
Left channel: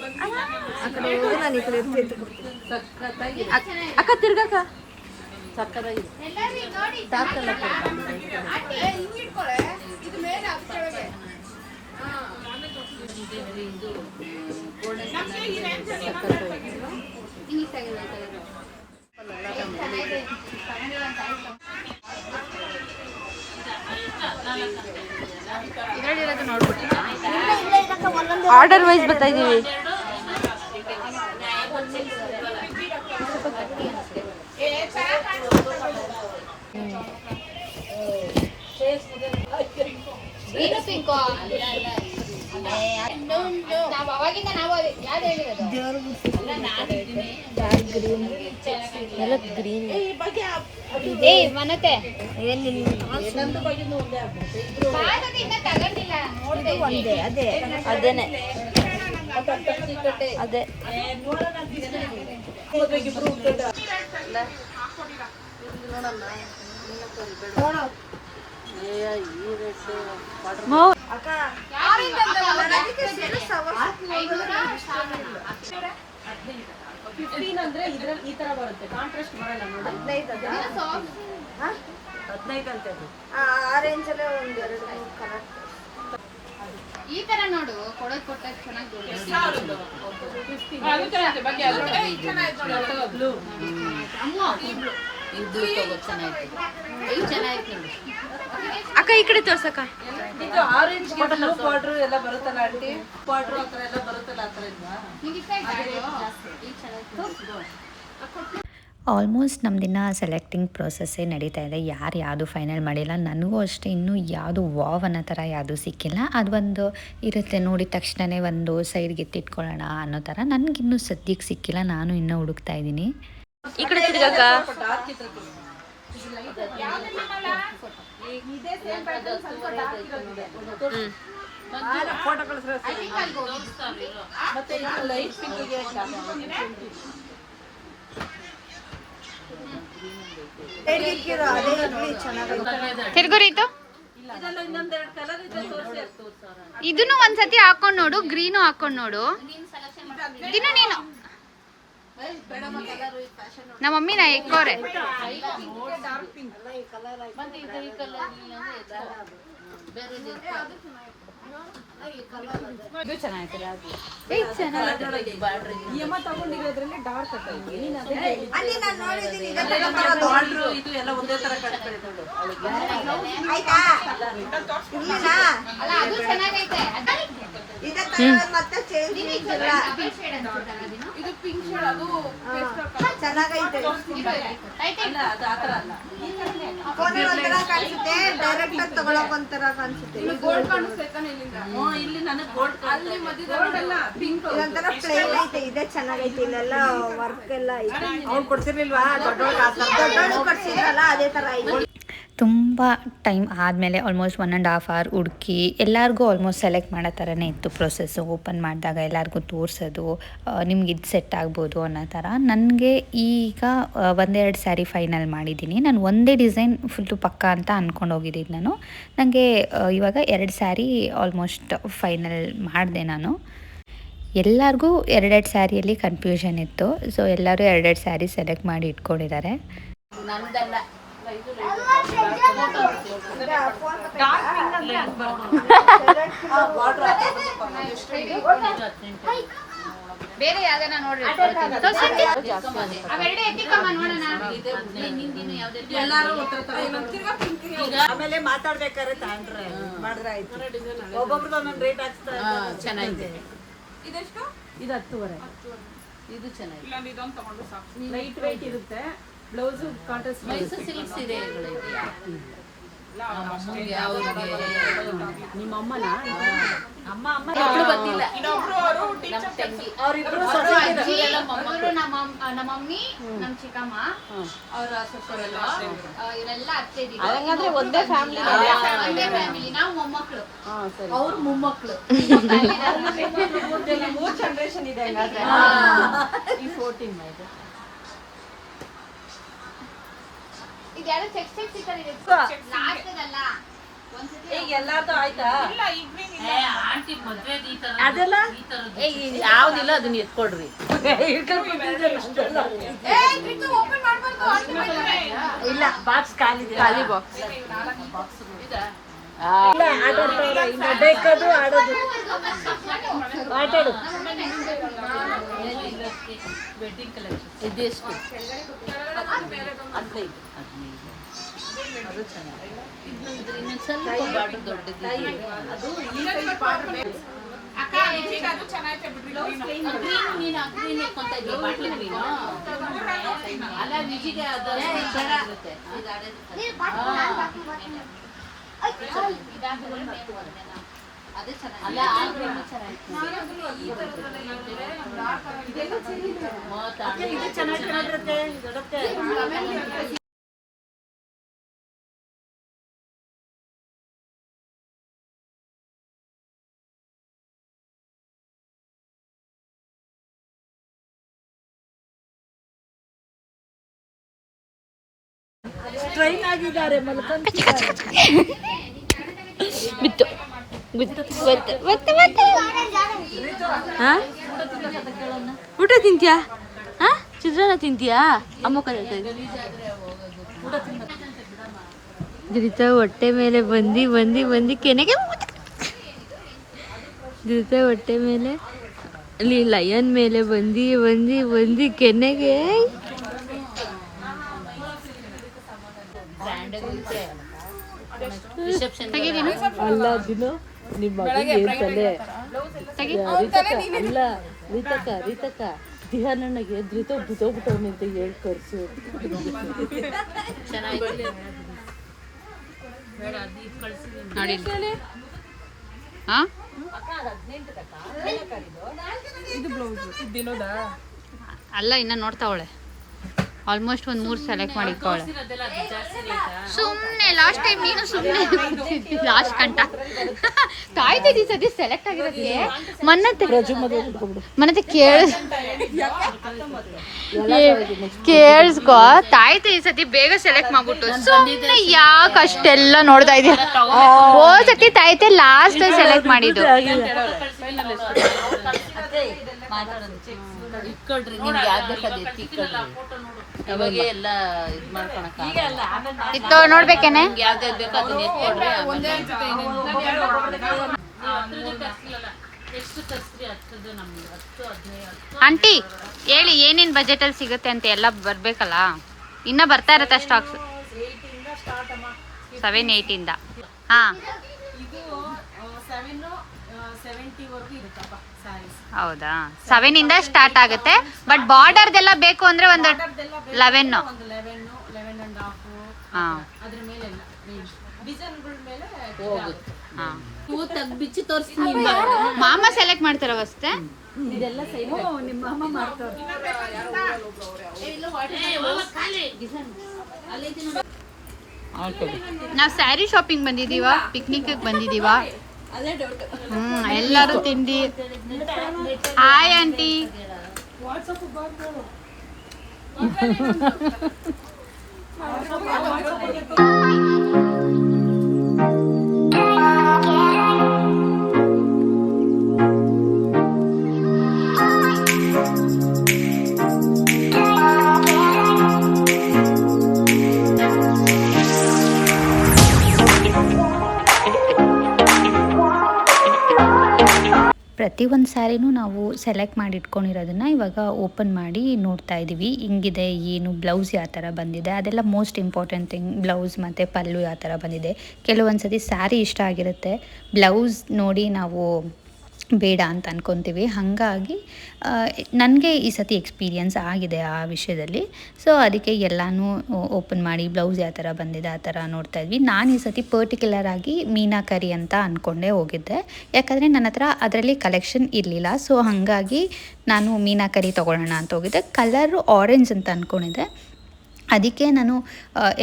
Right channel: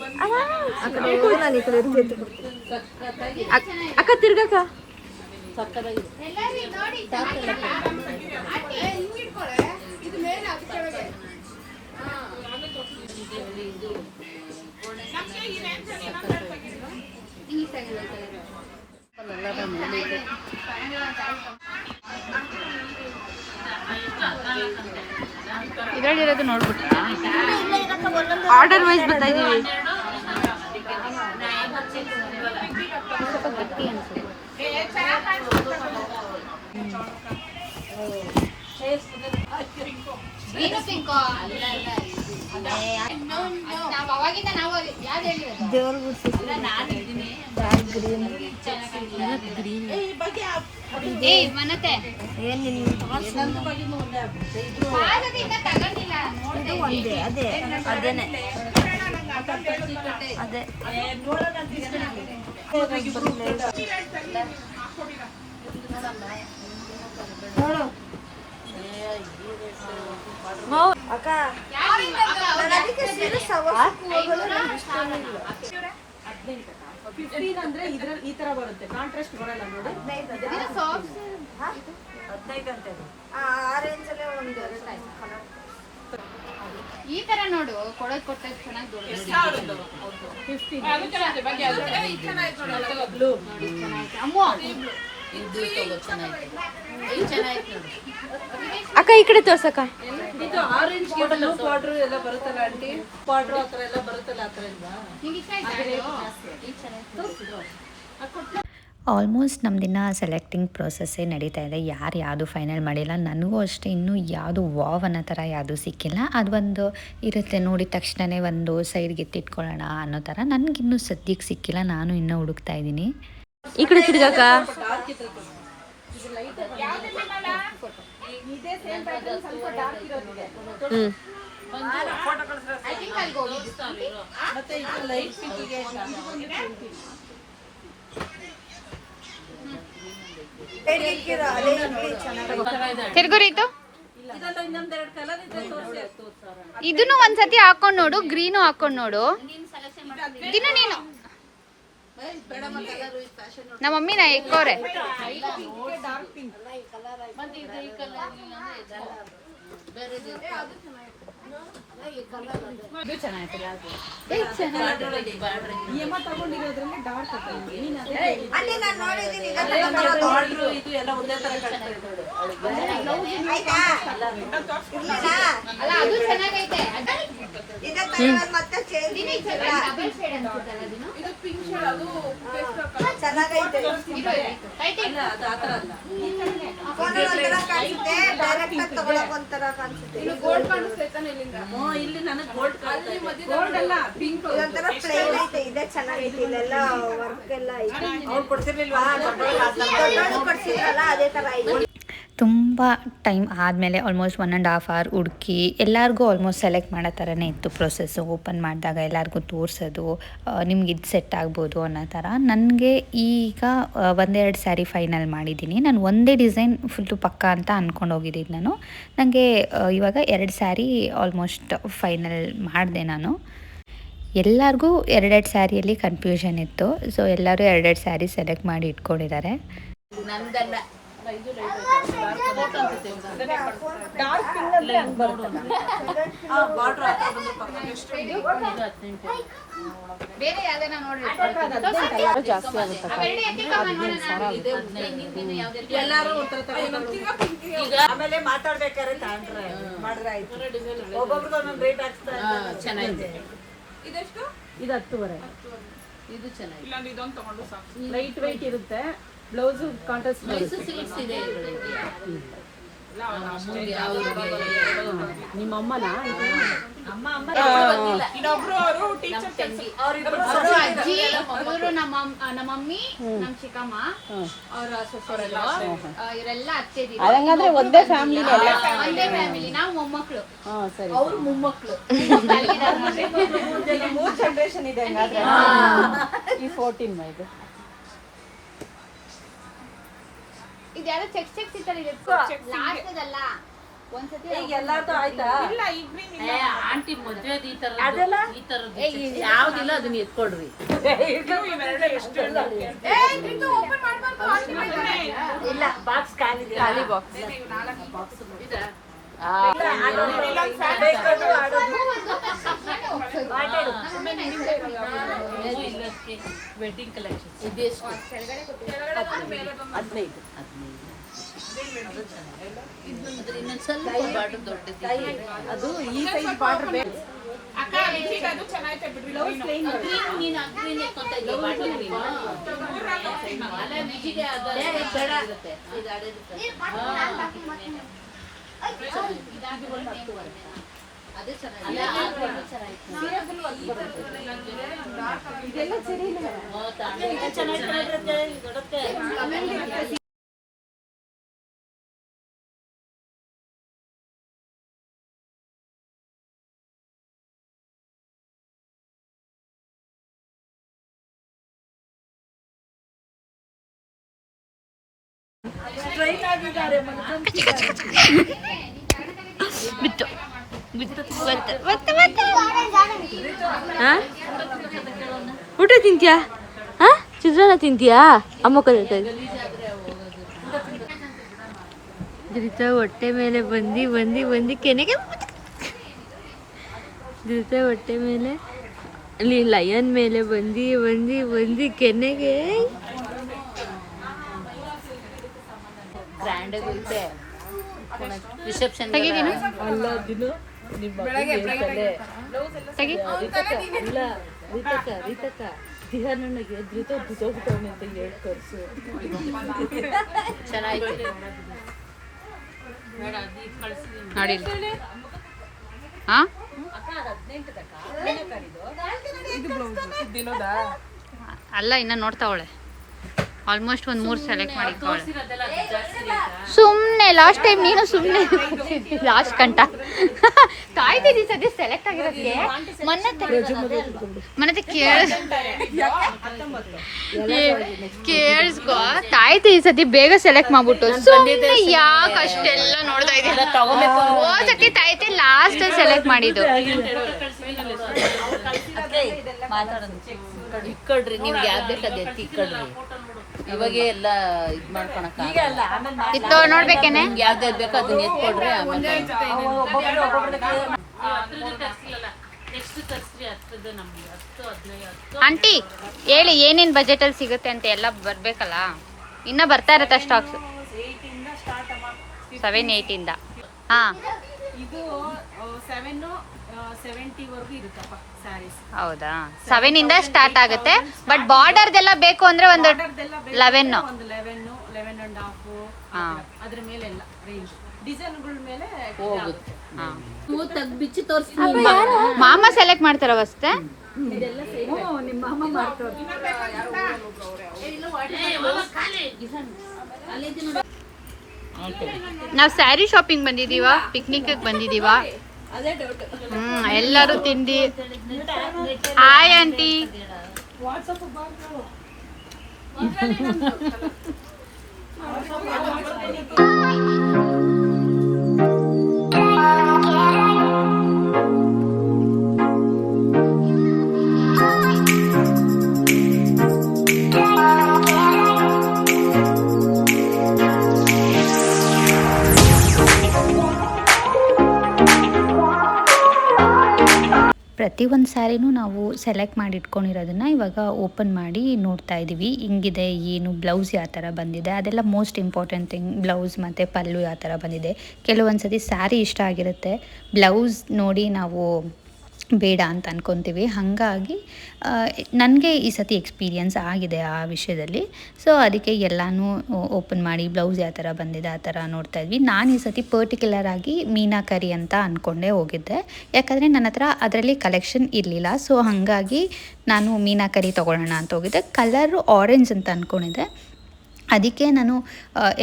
ಆ ಕಡೆ ಹೋಗು, ನಾನು ಈ ಕಡೆ ಎತ್ತಿ ಎತ್ತಿ ಕೊಡ್ತೀನಿ. ಅಕ್ಕ ತಿರ್ಗಕ್ಕ. ಸಕ್ಕದಾಗಿದೆ. ಎಲ್ಲರೂ ನೋಡಿ ಆಂಟಿ ಹಿಂಗ್ ಇಟ್ಕೊಳ್ಳೆ ಇದು ಮೇಲೆ ಅದು ಕೆಳಗೆ ಹಿಂಗ್ ತೆಗೆದು ಇದರಲ್ಲಿರೋದು ನೋಡ್ಬಿಟ್ಟು ಆರ್ಡರ್ ವೈಸ್ ಬರ್ತಾ ಇದೀವಿ. ಏನು ಪಿಂಕ್ ನಾವು ಅವಾಗಿಂದ ನಾವು ಯಾವ್ದು ಹೇಳಿರೋದು ಏ ಮನತೆ ಭಾರತದಿಂದ ತಗೊಂಡಿಲ್ಲ ನೋಡ್ದೆ ಅದೇನೆ ಅದೇ 15 ಅಂದ್ರೆ ಇದ್ರಲ್ಲಿ ಈ ತರ ಬರುತ್ತೆ, ಕಾಂಟ್ರಾಸ್ಟ್ ಬರಲ್ಲ ನೋಡಿ. 15 ಅಂತ ಹೇಳಿ. ಈ ತರ ನೋಡು, ಕೊಡೋದ್ ಕೊಟ್ಟದ್ ಚೆನ್ನಾಗಿ ದೊಡ್ಡ ಬ್ಲೂ ಅಮ್ಮ ಇದು ತಗೋ ಚೆನ್ನಾಗಿದೆ. ಇದು ಚೆನ್ನಾಗಿದೆ ನೋಡಿ. ಅಕ್ಕ ಈ ಕಡೆ ತೋರ್ಸಕ್ಕ. ಇದು ಆರೆಂಜ್ ಬ್ಲೂ ಬಾರ್ಡರ್ ಎಲ್ಲ ಬರುತ್ತಲ್ಲ ಆಂಟಿ, ಬಾರ್ಡರ್ ಆ ಥರ ಎಲ್ಲ ಬರುತ್ತಲ್ಲ ಆ ಥರ ಇಲ್ವಾ? ನಿಂಗೆ ಇಷ್ಟ ಆಯ್ತಾ? ಆಲ್ಮೋಸ್ಟ್ ನಮ್ಮದಿನ ಸೆಲೆಕ್ಟಿಂಗ್ ಪ್ರೊಸೆಸ್ಸೇ ನಡೀತಾ ಇದೆ. ಯಾರು ಯಾವುದು ಫೈನಲ್ ಮಾಡಿಲ್ಲ. ನನಗೂ ಅಷ್ಟೇ ಇನ್ನೂ ಯಾವುದು ವಾವ್ ಅನ್ನೋ ಥರ ಯಾವುದು ಸಿಕ್ಕಿಲ್ಲ. ಅದು ಒಂದು ಇರುತ್ತೆ ನೋಡಿದ ತಕ್ಷಣವೇ ಒಂದು ಸೈಡ್ಗೆ ಎತ್ತಿಟ್ಕೊಳ್ಳೋಣ ಅನ್ನೋ ಥರ. ನನಗಿನ್ನೂ ಸದ್ಯಕ್ಕೆ ಸಿಕ್ಕಿಲ್ಲ, ನಾನು ಇನ್ನೂ ಹುಡುಕ್ತಾ ಇದ್ದೀನಿ. ಈ ಕಡೆ ತಿರ್ಗಕ್ಕ. ಮತ್ತೆ ಇದು ಲೈಟ್ ಪಿಂಕ್ಗೆ ತಿರ್ಗುರಿತು ಇದನ್ನು ಒಂದ್ಸತಿ ಹಾಕೊಂಡ್ ನೋಡು, ಗ್ರೀನು ಹಾಕೊಂಡ್ ನೋಡು. ದಿನ ನೀನು ನಮ್ಮ ಮಮ್ಮಿ ನಾ ಎಕ್ಕೋರೆ ಇದು ಚೆನ್ನಾಗಿತ್ತು. ಈ ಅಮ್ಮ ತಗೊಂಡಿರೋದ್ರಲ್ಲಿ ಡಾರ್ಕ್ ಹಾಕೈತಿ. ನೀನು ಅದೇ ಬಾರ್ಡ್ರು ಇದು ಎಲ್ಲ ಒಂದೇ ತರ ಕಾಣ್ತಾ ಇದೆ ನೋಡು. ಅಲ್ಲ ಅದು ಚೆನ್ನಾಗೈತೆ. ಇದು ಪಿಂಕ್ ಶೇಡ್, ಅದು ಚೆನ್ನಾಗೈತೆ. ಇಲ್ಲ, ಅದು ಆ ಥರ ಅಲ್ಲ. ಗೋಲ್ಡ್ ಕಾಣಿಸ್ತೈತಾನೆ ಇಲ್ಲಿಂದ. ಇಲ್ಲಿ ನನಗೆ ಗೋಲ್ಡ್ ಅಲ್ಲಿ ಮಧ್ಯದಲ್ಲ ಪಿಂಕ್ ಇದೆ ಚೆನ್ನಾಗೈತೆ. ಇದೆಲ್ಲ ವರ್ಕ್ ಎಲ್ಲ ಐತೆ. ಅವ್ರು ಕೊಡ್ಸಿರ್ಲಿಲ್ವಾ ಕೊಡ್ಸಿರಲ್ಲ ಅದೇ ತರ ಐತೆ. ತುಂಬ ಟೈಮ್ ಆದಮೇಲೆ ಆಲ್ಮೋಸ್ಟ್ 1.5 hour ಹುಡುಕಿ ಎಲ್ಲರಿಗೂ ಆಲ್ಮೋಸ್ಟ್ ಸೆಲೆಕ್ಟ್ ಮಾಡೋ ಥರನೇ ಇತ್ತು ಪ್ರೊಸೆಸ್ಸು. ಓಪನ್ ಮಾಡಿದಾಗ ಎಲ್ಲರಿಗೂ ತೋರಿಸೋದು, ನಿಮ್ಗೆ ಇದು ಸೆಟ್ ಆಗ್ಬೋದು ಅನ್ನೋ ಥರ. ನನಗೆ ಈಗ ಒಂದೆರಡು ಸ್ಯಾರಿ ಫೈನಲ್ ಮಾಡಿದ್ದೀನಿ. ನಾನು ಒಂದೇ ಡಿಸೈನ್ ಫುಲ್ಲು ಪಕ್ಕ ಅಂತ ಅಂದ್ಕೊಂಡು ಹೋಗಿದ್ದೀನಿ ನಾನು. ನನಗೆ ಇವಾಗ 2 ಸ್ಯಾರಿ ಆಲ್ಮೋಸ್ಟ್ ಫೈನಲ್ ಮಾಡಿದೆ ನಾನು. ಎಲ್ಲರಿಗೂ 2 ಸ್ಯಾರಿಯಲ್ಲಿ ಕನ್ಫ್ಯೂಷನ್ ಇತ್ತು. ಸೊ ಎಲ್ಲರೂ 2 ಸ್ಯಾರಿ ಸೆಲೆಕ್ಟ್ ಮಾಡಿ ಇಟ್ಕೊಂಡಿದ್ದಾರೆ. ನಮ್ದಲ್ಲ ಬೇರೆ ಯಾವ್ದಾನ ನೋಡ್ರಿ. ಅವೆರಡು ಎತ್ತಿಕಮ್ಮ ನೋಡೋಣ. ಎಲ್ಲಾರು ಉತ್ತರ ತಗೊಂಡು ಆಮೇಲೆ ಮಾತಾಡ್ಬೇಕಾದ್ರೆ ತಗೊಂಡ್ರೆ ಮಾಡಿದ್ರೆ ಆಯ್ತು. ಒಬ್ಬೊಬ್ರದ್ದು ಒಂದೊಂದು ರೇಟ್ ಹಾಕ್ಸ್ತಾರೆ. ಚೆನ್ನಾಗಿದೆ. ಇದೆಷ್ಟು? ಇದು 10.5. ಇದು ಚೆನ್ನಾಗಿದೆ. ಇಲ್ಲಾಂದ್ರೆ ಇದೊಂದು ತಗೊಂಡು ಸಾಕು. ಲೈಟ್ ವೆಯ್ಟ್ ಇರುತ್ತೆ. ಬ್ಲೌಸ್ ಕಾಂಟ್ರಾಸ್ಟ್ ಮೈಸೂರು ಸಿಲ್ಕ್ ಸೀರೆಗಳಿಗೆ ನಿಮ್ಮ ಅಮ್ಮನ ಇನ್ನೊಬ್ರು ಅವರು ಟೀಚರ್ ತಂಗಿ ಅವರಿಬ್ರು ಅವರು ನಮ್ಮ ಮಮ್ಮಿ, ನಮ್ಮ ಚಿಕ್ಕಮ್ಮ, ಅವರ ಸೊಸೆರೆಲ್ಲ ಇವರೆಲ್ಲ ಅತ್ತೆ ದೀದಿ. ಅದಂಗಂದ್ರೆ ಒಂದೇ ಫ್ಯಾಮಿಲಿ. ಒಂದೇ ಫ್ಯಾಮಿಲಿ. ನಾವು ಮೊಮ್ಮಕ್ಕಳು, ಅವ್ರು ಮೊಮ್ಮಕ್ಕಳು. 3 ಜನರೇಷನ್ ಇದೆ ಹಂಗಾದ್ರೆ. ಈ 14 ಇದು ಇದು ಯಾರು ಚೆಕ್ ಸಿಕ್ಕರ್ ಇದೆ ಲಾಸ್ಟ್ ಅದಲ್ಲ. ಒಂದ್ಸತಿ ಈಗ ಎಲ್ಲಾರ್ದು ಆಯ್ತಾ? ಇಲ್ಲ ಈವ್ನಿಂಗ್ ಆಂಟಿ ಮದ್ವೆ ಈ ತರದ್ದು ಯಾವ್ದಿಲ್ಲ ಅದನ್ನ ಎತ್ಕೊಡ್ರಿ. ಓಪನ್ ಮಾಡ್ಬಾರ್ದು. ಇಲ್ಲ ಬಾಕ್ಸ್ ಖಾಲಿ ಖಾಲಿ ಬಾಕ್ಸ್. ಬೇಕಾದ್ರು ಆಡೋದು. ವೆಡ್ಡಿಂಗ್ ಕಲೆಕ್ಷನ್ ಇದೆಷ್ಟು? 15. ಅದ್ರ ಇನ್ನೊಂದು ಸ್ವಲ್ಪ ಬಾರ್ಡರ್ ದೊಡ್ಡದಿದೆ. ಅದು ಈ ಸೈಜ್ ಬಾರ್ಡರ್ ಬೇಕು. ಅಕ್ಕ ಲಿಪಿಗೆ ಅದು ಚೆನ್ನಾಗೈತೆ ಬಿಡ್ರಿ. ನೀನು ಅಗ್ರೀನ್ ಇಟ್ಕೊಂತ ಇದ್ದೀಯ ಬಾಟ್ಲಿ ನೀನು. ಅಲ್ಲ ವಿಜಿಗೆ ಅದು ಇರುತ್ತೆ. ಅದೇ ಚೆನ್ನಾಗಿದೆ. ಟ್ರೈನ್ ಆಗಿದ್ದಾರೆ ಬಿತ್ತು ಊಟ ತಿಂತೀಯಾ? ಚಿತ್ರಾನ್ನ ತಿಂತೀಯಾ? ಅಮ್ಮ ಕಲಿತಾ ಧೃತ ಹೊಟ್ಟೆ ಮೇಲೆ ಬಂದು ಕೆನೆಗೆ ಧೃತ ಹೊಟ್ಟೆ ಮೇಲೆ ಅಲ್ಲಿ ಲಯನ್ ಮೇಲೆ ಬಂದು ಕೆನೆಗೆ ತೆಗಿದೀನು ಅಲ್ಲ ದಿನ ನಿಮ್ಮ ತೆಗಿ ಅಲ್ಲ ರೀತಕ್ಕ ದಿಹಾನಣ್ಣಗೆ ಧೃತ ಬಿಟ್ಟೋಗ್ಬಿಟ್ಟವನೆ ಅಂತ ಹೇಳಿ ಕರ್ಸು. ನೋಡಿ ಹಾ ಅಲ್ಲ ಇನ್ನ ನೋಡ್ತಾವಳೆ ಆಲ್ಮೋಸ್ಟ್ ಒಂದು 3 ಸೆಲೆಕ್ಟ್ ಮಾಡಿಕೊಳ್ಳೆ. ಸುಮ್ಮನೆ ಲಾಸ್ಟ್ ಟೈಮ್ ನೀನು ಸುಮ್ಮನೆ ಲಾಸ್ಟ್ ಕಂಟ ಕಾಯ್ತಿದ್ದಿ ಸದ್ಯ ಸೆಲೆಕ್ಟ್ ಆಗಿರೋದಕ್ಕೆ. ಮೊನ್ನೆ ಕೇಳಿಸ್ಕೊ ತಾಯ್ತಿ ಈ ಸತಿ ಬೇಗ ಸೆಲೆಕ್ಟ್ ಮಾಡ್ಬಿಟ್ಟು ಸುಮ್ಮನೆ ಯಾಕೆ ಅಷ್ಟೆಲ್ಲ ನೋಡ್ತಾ ಇದೀಯ. ಹೋದ್ ಸತಿ ತಾಯ್ತಿ ಲಾಸ್ಟ್ ಟೈಮ್ ಸೆಲೆಕ್ಟ್ ಮಾಡಿದ್ದು. ಇಟ್ಕೊಳ್ರಿ ನಿಮ್ಗೆ ಯಾವ್ದು ಬೇಕಾದ ಇಟ್ಕೊಳ್ರಿ. ಇವಾಗೆ ಎಲ್ಲ ಇದು ಮಾಡ್ಕೊಳಕ ಇತ್ತು ನೋಡ್ಬೇಕೇನೆ ಯಾವ್ದು ಬೇಕಾದ ಎತ್ಕೊಳ್ರಿ. ಆಂಟಿ ಹೇಳಿ ಏನೇನ್ ಬಜೆಟ್ ಅಲ್ಲಿ ಸಿಗುತ್ತೆ ಅಂತ ಎಲ್ಲ ಬರ್ಬೇಕಲ್ಲ. ಇನ್ನ ಬರ್ತಾ ಇರತ್ತೆ ಸ್ಟಾಕ್ಸ್ 7-8 ಹಾ ಇದು 770 ವರೆಗೂ ಇರುತ್ತಪ್ಪ ಸ್ಯಾರೀಸ್. ಹೌದಾ 7 ಸ್ಟಾರ್ಟ್ ಆಗುತ್ತೆ. ಬಟ್ ಬಾರ್ಡರ್ದೆಲ್ಲ ಬೇಕು ಅಂದ್ರೆ ಒಂದು 11 ಒಂದು 11.5 ಹಾ ಅದ್ರ ಮೇಲೆ ಎಲ್ಲ ರೇಂಜ್ ಡಿಸೈನ್ಗಳ ಮೇಲೆ ಹಾ ಹೂ ತೆಗ್ದು ಬಿಚ್ಚಿ ತೋರಿಸ್ತೀನಿ. ಮಾಮ ಸೆಲೆಕ್ಟ್ ಮಾಡ್ತಾರ ಅವಸ್ಥೆ. ಇದೆಲ್ಲ ಸೇಮ್ ನಿಮ್ಮ ಅಮ್ಮ ಮಾಡ್ತಾರೆ. ನಾವ್ ಸ್ಯಾರಿ ಶಾಪಿಂಗ್ ಬಂದಿದೀವ, ಪಿಕ್ನಿಕ್ ಬಂದಿದೀವ. ಎಲ್ಲರೂ ತಿಂಡಿ. Hi aunty. ಪ್ರತಿಯೊಂದು ಸ್ಯಾರಿನೂ ನಾವು ಸೆಲೆಕ್ಟ್ ಮಾಡಿ ಇಟ್ಕೊಂಡಿರೋದನ್ನು ಇವಾಗ ಓಪನ್ ಮಾಡಿ ನೋಡ್ತಾ ಇದ್ದೀವಿ. ಹಿಂಗಿದೆ ಏನು ಬ್ಲೌಸ್ ಯಾವ ಥರ ಬಂದಿದೆ ಅದೆಲ್ಲ ಮೋಸ್ಟ್ ಇಂಪಾರ್ಟೆಂಟ್ ಥಿಂಗ್. ಬ್ಲೌಸ್ ಮತ್ತು ಪಲ್ಲು ಯಾವ ಥರ ಬಂದಿದೆ. ಕೆಲವೊಂದು ಸತಿ ಸ್ಯಾರಿ ಇಷ್ಟ ಆಗಿರುತ್ತೆ, ಬ್ಲೌಸ್ ನೋಡಿ ನಾವು ಬೇಡ ಅಂತ ಅನ್ಕೊತೀವಿ. ಹಾಗಾಗಿ ನನಗೆ ಈ ಸತಿ ಎಕ್ಸ್ಪೀರಿಯನ್ಸ್ ಆಗಿದೆ ಆ ವಿಷಯದಲ್ಲಿ. ಸೊ ಅದಕ್ಕೆ ಎಲ್ಲನೂ ಓಪನ್ ಮಾಡಿ ಬ್ಲೌಸ್ ಯಾವ ಥರ ಬಂದಿದೆ ಆ ಥರ ನೋಡ್ತಾ ಇದ್ವಿ. ನಾನು ಈ ಸತಿ ಪರ್ಟಿಕ್ಯುಲರ್ ಆಗಿ ಮೀನಾಕರಿ ಅಂತ ಅಂದ್ಕೊಂಡೇ ಹೋಗಿದ್ದೆ. ಯಾಕಂದರೆ ನನ್ನ ಹತ್ರ ಅದರಲ್ಲಿ ಕಲೆಕ್ಷನ್ ಇರಲಿಲ್ಲ. ಸೊ ಹಾಗಾಗಿ ನಾನು ಮೀನಾಕರಿ ತೊಗೊಳ್ಳೋಣ ಅಂತ ಹೋಗಿದ್ದೆ. ಕಲರು ಆರೆಂಜ್ ಅಂತ ಅಂದ್ಕೊಂಡಿದ್ದೆ. ಅದಕ್ಕೆ ನಾನು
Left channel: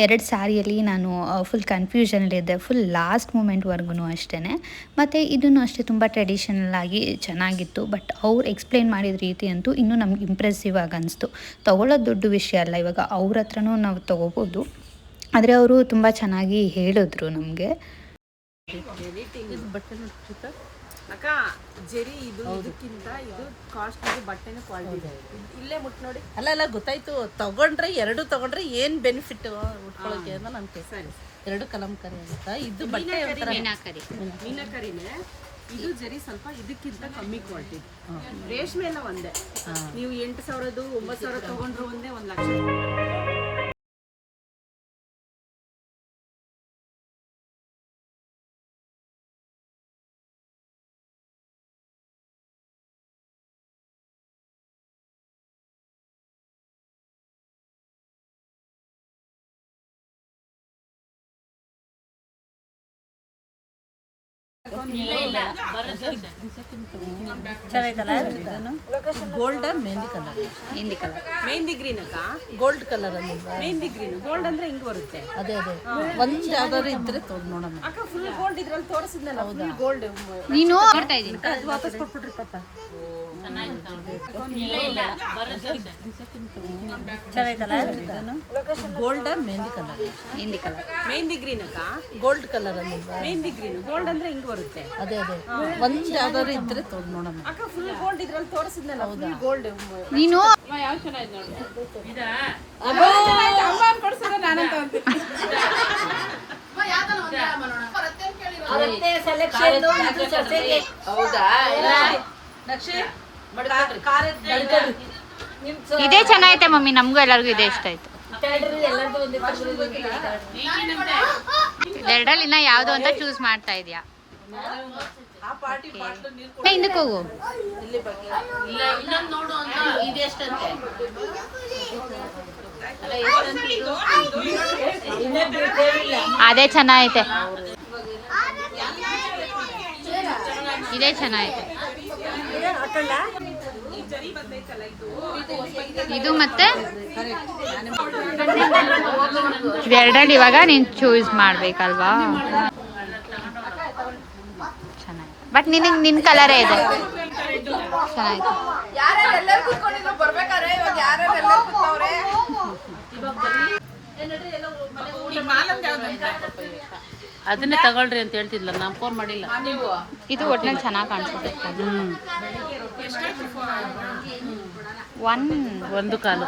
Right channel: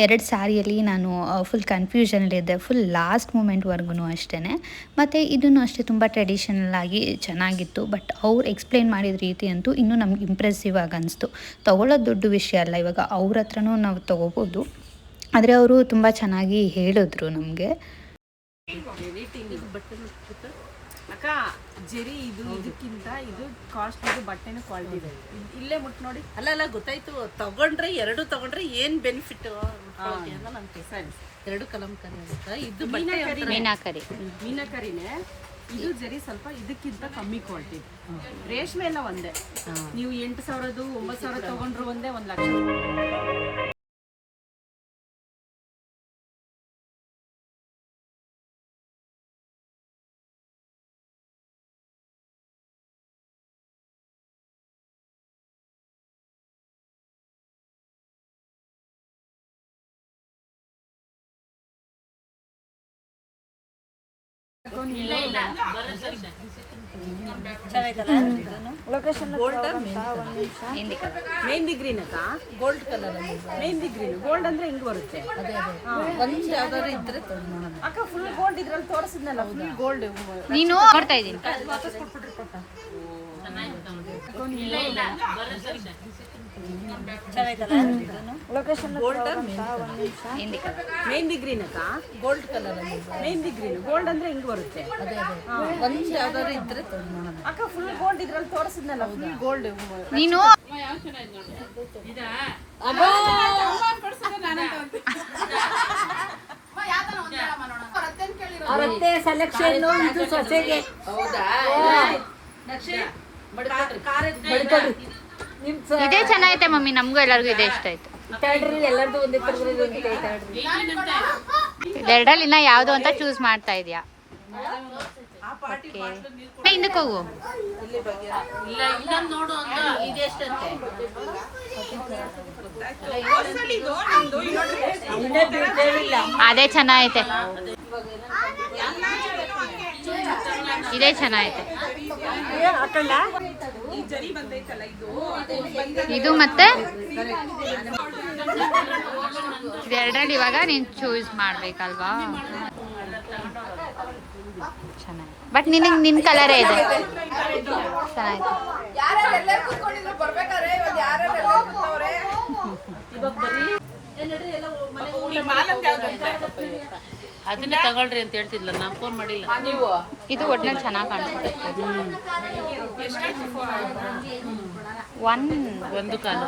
2 ಸ್ಯಾರಿಯಲ್ಲಿ ನಾನು ಫುಲ್ ಕನ್ಫ್ಯೂಷನಲ್ಲಿದ್ದೆ, ಫುಲ್ ಲಾಸ್ಟ್ ಮೂಮೆಂಟ್ವರೆಗೂ ಅಷ್ಟೇ. ಮತ್ತು ಇದನ್ನು ಅಷ್ಟೇ ತುಂಬ ಟ್ರೆಡಿಷನಲ್ ಆಗಿ ಚೆನ್ನಾಗಿತ್ತು. ಬಟ್ ಅವ್ರು ಎಕ್ಸ್ಪ್ಲೇನ್ ಮಾಡಿದ ರೀತಿ ಅಂತೂ ಇನ್ನೂ ನಮ್ಗೆ ಇಂಪ್ರೆಸಿವ್ ಆಗಿ ಅನಿಸ್ತು. ತೊಗೊಳ್ಳೋದು ದೊಡ್ಡ ವಿಷಯ ಅಲ್ಲ, ಇವಾಗ ಅವ್ರ ಹತ್ರನೂ ನಾವು ತೊಗೋಬೋದು. ಆದರೆ ಅವರು ತುಂಬ ಚೆನ್ನಾಗಿ ಹೇಳಿದ್ರು ನಮಗೆ. ಅಕ್ಕ ಜೆರಿ ಇದು ಇದಕ್ಕಿಂತ ಇದು ಕಾಸ್ಟ್ ಬಟ್ಟೆನ ಕ್ವಾಲಿಟಿ ಇದೆ. ಇಲ್ಲೇ ಮುಟ್ ನೋಡಿ. ಅಲ್ಲ ಗೊತ್ತಾಯ್ತು. ತಗೊಂಡ್ರೆ 2 ತಗೊಂಡ್ರೆ ಏನ್ ಬೆನಿಫಿಟ್ ನಾನು ಸರಿ 2 ಕಲಂಕರಿ ಆಗುತ್ತಾ. ಇದು ಬಟ್ಟೆ ಮೀನಾಕರಿನೇ. ಇದು ಜರಿ ಸ್ವಲ್ಪ ಇದಕ್ಕಿಂತ ಕಮ್ಮಿ ಕ್ವಾಲಿಟಿ. ರೇಷ್ಮೆ ಎಲ್ಲ ಒಂದೇ. ನೀವು 8,000 9,000 ತಗೊಂಡ್ರು ಒಂದೇ 1 ಲಕ್ಷ. ಗೋಲ್ಡ್ ಮೆಹಂದಿ ಗ್ರೀನ್ ಅಕ್ಕ. ಗೋಲ್ಡ್ ಕಲರ್ ಅಲ್ಲಿ ಮೆಹಂದಿ ಗ್ರೀನ್ ಗೋಲ್ಡ್ ಅಂದ್ರೆ ಹಿಂಗ್ ಬರುತ್ತೆ. ಅದೇ ಒಂದು ಯಾವ್ದಾದ್ರು ಇದ್ರೆ ತೊಗೊಂಡು ನೋಡೋಣ. ಅಕ್ಕ ಫುಲ್ ಗೋಲ್ಡ್ ಇದ್ರಲ್ಲಿ ತೋರಿಸಿದ್ನಲ್ಲ, ಫುಲ್ ಗೋಲ್ಡ್. ನೀನು ನೋಡ್ತಾ ಇದ್ದೀನಿ. Gold mehndi colour mehndi green ಅಕ್ಕ ಗೋಲ್ಡ್ ಕಲರ್ ಅಲ್ಲಿ ಮೆಹಂದಿ ಗ್ರೀನ್ ಗೋಲ್ಡ್ ಅಂದ್ರೆ ಹಿಂಗ್ ಬರುತ್ತೆ ಅದೇ ಒಂದ್ ಯಾವ್ದಾದ್ರು ಇದ್ರೆ ತೊಗೊಂಡು ನೋಡೋಣ ಅಕ್ಕ ಫುಲ್ ಗೋಲ್ಡ್ ಇದ್ರಲ್ಲಿ ತೋರಿಸಿದ್ನಲ್ಲ ಫುಲ್ ಗೋಲ್ಡ್ ನೀನು ಯಾವ ಚೆನ್ನಾಗಿದೆ ನೋಡಿ ಕೊಡ್ಸಿದ್ರೆ ನಾನಂತ ಇದೇ ಚೆನ್ನಾಗೈತೆ ಮಮ್ಮಿ, ನಮಗೂ ಎಲ್ಲರಿಗೂ ಇದೇ ಇಷ್ಟ ಆಯ್ತು. ಎರಡಲ್ಲಿ ಇನ್ನ ಯಾವ್ದು ಅಂತ ಚೂಸ್ ಮಾಡ್ತಾ ಇದೀಯಾ? ಹಿಂದಕ್ಕೆ ಹೋಗು. ಅದೇ ಚೆನ್ನಾಗೈತೆ, ಇದೇ ಚೆನ್ನಾಗೈತೆ. ಇದು ಮತ್ತೆ ಎರಡಲ್ಲಿ ಇವಾಗ ನೀನ್ ಚೂಸ್ ಮಾಡ್ಬೇಕಲ್ವಾ? ಚೆನ್ನಾಗಿದೆ, ಬಟ್ ನಿನ್ ಕಲರೇ ಇದೆ. ಚೆನ್ನಾಯ್ತು. ಅದನ್ನೇ ತಗೊಳ್ರಿ ಅಂತ ಹೇಳ್ತಿದ್ಲ, ನಾನು ಫೋನ್ ಮಾಡಿಲ್ಲ. ಇದು ಒಟ್ನಲ್ಲಿ ಚೆನ್ನಾಗಿ ಕಾಣಿಸುತ್ತೆ. ಒಂದು ಕಾಲು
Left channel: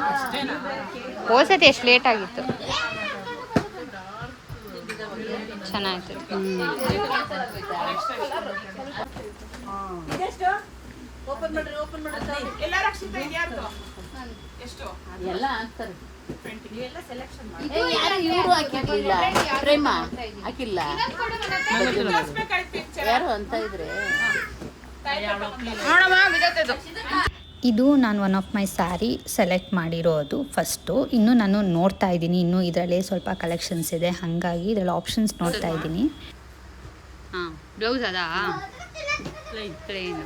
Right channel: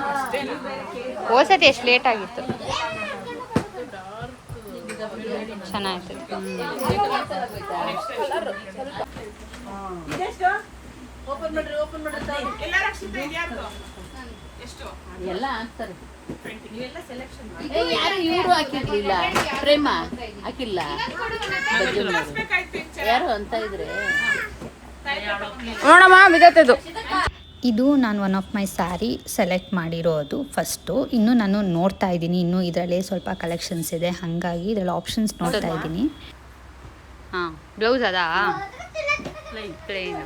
ಹೋಸತಿ ಎಷ್ಟು ಲೇಟ್ ಆಗಿತ್ತು, ಚೆನ್ನಾಗಿತ್ತು. ಓಪನ್ ಮಾಡ್ರಿ, ಓಪನ್ ಮಾಡ್ರಿ. ಎಲ್ಲ ರಕ್ಷಿತ ಇದ್ಯಾರು ಎಷ್ಟು ಎಲ್ಲ ಹಾಕ್ತಾರೆ. ನೀವೆಲ್ಲ ಸೆಲೆಕ್ಷನ್ ಮಾಡಿ. ಯಾರು ಇವರು ಹಾಕಿರ್ಲಿಲ್ಲ, ಪ್ರೇಮ ಹಾಕಿಲ್ಲ, ಯಾರು ಅಂತ ಇದ್ರೆ ನೋಡಮ್ಮ ಬಿದ್ದೈತದು. ಇದು ನಾನು one of my sari select ಮಾಡಿರೋದು ಫಸ್ಟು. ಇನ್ನು ನಾನು ನೋಡ್ತಾ ಇದ್ದೀನಿ, ಇನ್ನು ಇದರಲ್ಲೇ ಸ್ವಲ್ಪ ಕಲೆಕ್ಷನ್ಸ್ ಇದೆ, ಹಾಗಾಗಿ ಇದರಲ್ಲಿ ಆಪ್ಷನ್ಸ್ ನೋಡ್ತಾ ಇದ್ದೀನಿ. ಹಾಂ, ಬ್ಲೌಸ್ ಅದಾ ಪ್ಲೇನು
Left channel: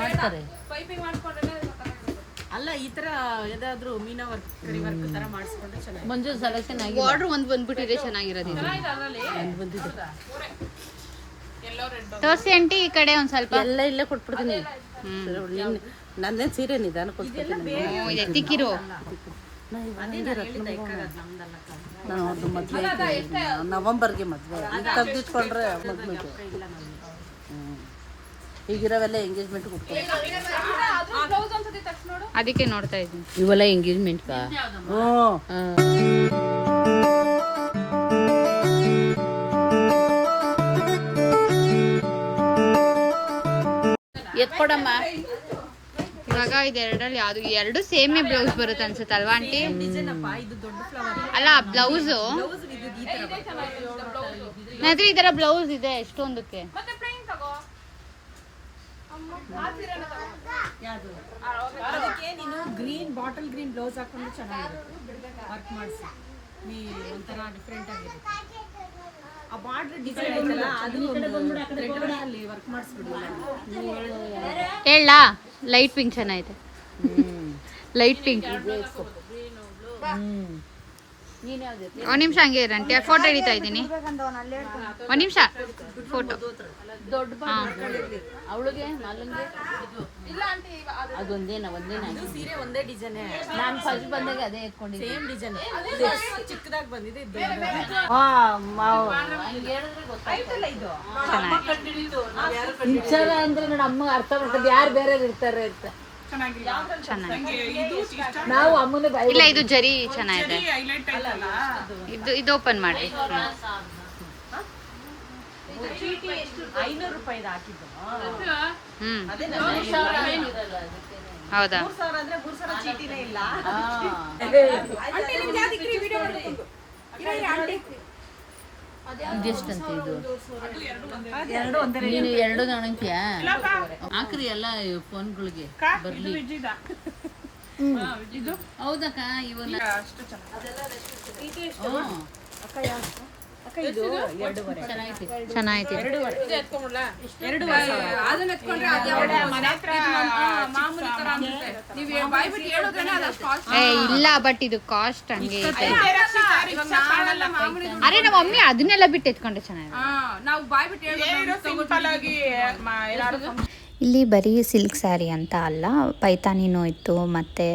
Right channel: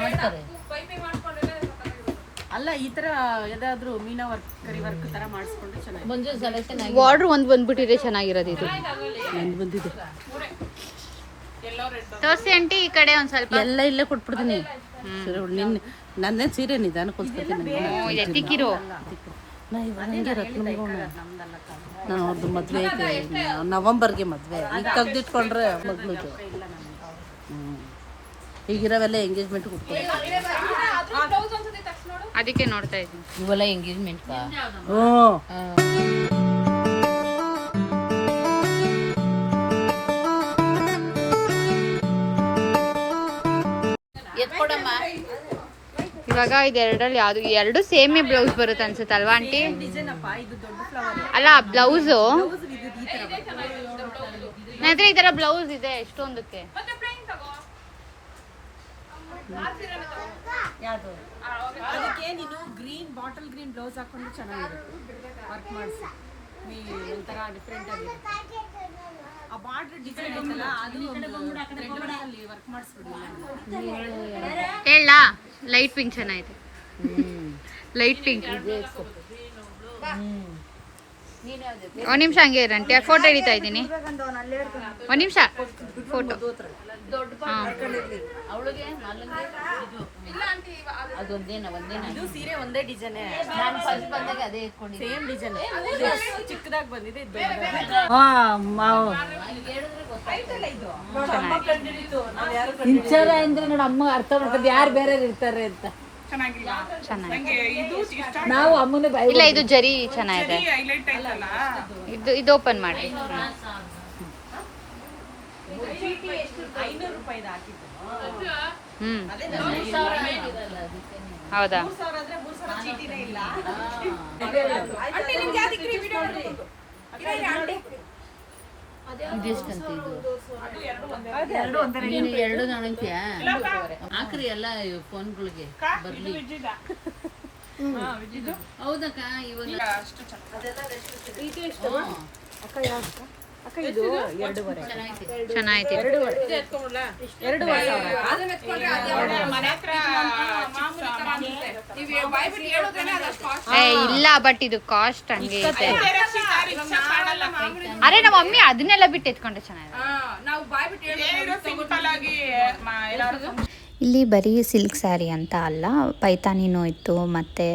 ಮಾಡ್ತಾರೆ. ಅಲ್ಲ ಈ ತರ ಯಾವ್ದಾದ್ರು ಮೀನಾ ವರ್ಕ್ ಕರಿ ವರ್ಕ್ ತರ ಮಾಡಿಸ್ಕೊಂಡ್ರೆ ಚೆನ್ನಾಗಿ. ಮಂಜು ಸೆಲೆಕ್ಷನ್ ಬಾರ್ಡ್ರ್ ಒಂದು ಬಂದ್ಬಿಟ್ಟಿದೆ, ಚೆನ್ನಾಗಿರೋದು ಇದು. ಬಂದಿದೆ ತೋರ್ಸಿ ಆಂಟಿ ಈ ಕಡೆ ಒಂದು ಸ್ವಲ್ಪ. ಎಲ್ಲ ಇಲ್ಲೇ ಕೊಟ್ಬಿಡ್ತೀನಿ. ನನ್ನೇ ಸೀರೆ ನಿಧಾನ ಇದೆ ತಿಕ್ಕಿರೋ. ಮದ್ವೆ ನವೆಂಬರ್ಗೆ ಮದ್ವೆ ತೆಗ್ದಿಟ್ಕೊಂಡ್ರೆ ಈಗಿರೋವೆಲ್ಲ ಎಂಗೇಜ್ಮೆಂಟ್ ಅದಕ್ಕೆ ನೋಡ್ತಾ ಇದ್ದೀನಿ. ಇವೆಲ್ಲ ಎಂಗೇಜ್ಮೆಂಟ್ ಎತ್ಕೊಡಮ್ಮ. ಇವಾಗ ಇದೆರಡರಲ್ಲಿ ಯಾವ್ದು ಎರಡು ಸೇಮೇ ಬ್ಲೌಸ್ ಬರುತ್ತೆ ಅನ್ಸುತ್ತೆ ಅಲ್ವಾ ಆಂಟಿ? ಅಲ್ಲ ಬ್ಲೌಸು ನಂತರ ಈ ತರ ಬ್ಲೌಸ್ ಇದೆ ಎಷ್ಟೊಂದಕ್ಕೆ. ಅದಕ್ಕೆ ನೀನು ಗ್ರೀನ್ ಬಾಟಲ್ ಗ್ರೀನ್ ಬ್ಲೌಸ್ ಹಾಕೊಂಡು ಚೆನ್ನಾಗಿರುತ್ತೆ, ವರ್ಕ್ ಮಾಡಿಸಿ ನೀ ಒಂಥರ ಡಿಫ್ರೆಂಟ್ ಆಗಿರುತ್ತೆ. ಆ ಬಾರ್ಡರ್ ಡಿಸೈನ್ ಐತಲ್ಲ ಅದು ಅಲ್ಲಿ ವರ್ಕ್ ಮಾಡಿಸ್ಬಿಡಿ. ಹೇಳ ಲೈಟ್ ಪಿಂಕ್ ಚೆನ್ನಾಗಿದೆ, ಲೈಟ್ ಪಿಂಕ್. ಒಂದ್ ನಿಮಿಷ ಹಂಗೆ ಇರಂಟಿ, ಫೋಟೋ ಹಿಡಿತಾ ಇದ್ದೀನಿ. ಒಂದ್ ನಿಮಿಷ ಫೋಟೋ. ಅವಳಿಗೆ ಅದೊಂದೇನ ಇದು ಸೀರೆ ಒಂದೇ ಡಿಸೈನ್. ನಾನು ಫಸ್ಟ್ ಬಂದಾಗ ಅದೇ ಎತ್ಕೊಂಡಿದ್ದೆ, ಸೇಮ್ ಡಿಸೈನ್. ಚಿಕ್ಕದಾಗಿ ಬಂದಿದೆ, ಇದು ಅಂದ್ರೆ ನನ್ನ ಅಮ್ಮ ಅರ್ಥ ಮಾಡ್ಕೊಂಡು ಯಾರು ಬೇರೆ ಇರ್ತಾರೆ ಅಂತ. ಚೆನ್ನಾಗಿದೆ. ಇದು ಇಷ್ಟ ನಾವು ಅಮ್ಮನ ಇಲ್ಲ ಇದು ಜರಿ ಚೆನ್ನಾಗಿದೆ. ಹೈಲೈಟ್ ಆಯ್ತಲ್ಲ. ಇದು ಓಪನ್ ಮಾಡಿ. 500 ರೂಪಾಯಿ ಹಾಕಿದ್ದು. ಹೌದಾ? ಇದೆಷ್ಟಂತ ಇದು? ನೀನು ಎರಡು ನೋಡಂತೀಯ ಹಾಕ್ರಿ ಎಲ್ಲ ಫೋನ್ಗಳಿಗೆ ಬರ್ಲಿ. ಹೌದಕ್ಕ ಇವನ್ನ ಚೆನ್ನಾಗಿದೆ. ಇಲ್ಲ ಬಟ್ ಇದು ಕಾಸ್ಟ್ ಹಂಗೆ ಐತೆ. ಅರೆ ನಮ್ಮ ಮಮ್ಮಿ ಅದನ್ನೆಲ್ಲ ಬಿಟ್ಟು ಎತ್ಕೊಂಡ್ರೆ ಚೆನ್ನಾಗಿದೆ. ಇಲ್ಲಿ ಬರೀ ಸಿಲ್ಕ್ ಸ್ಯಾರಿ ಅಂತ ಅಲ್ಲ, ಪೈತಾನಿನೂ ಇತ್ತು ಮತ್ತು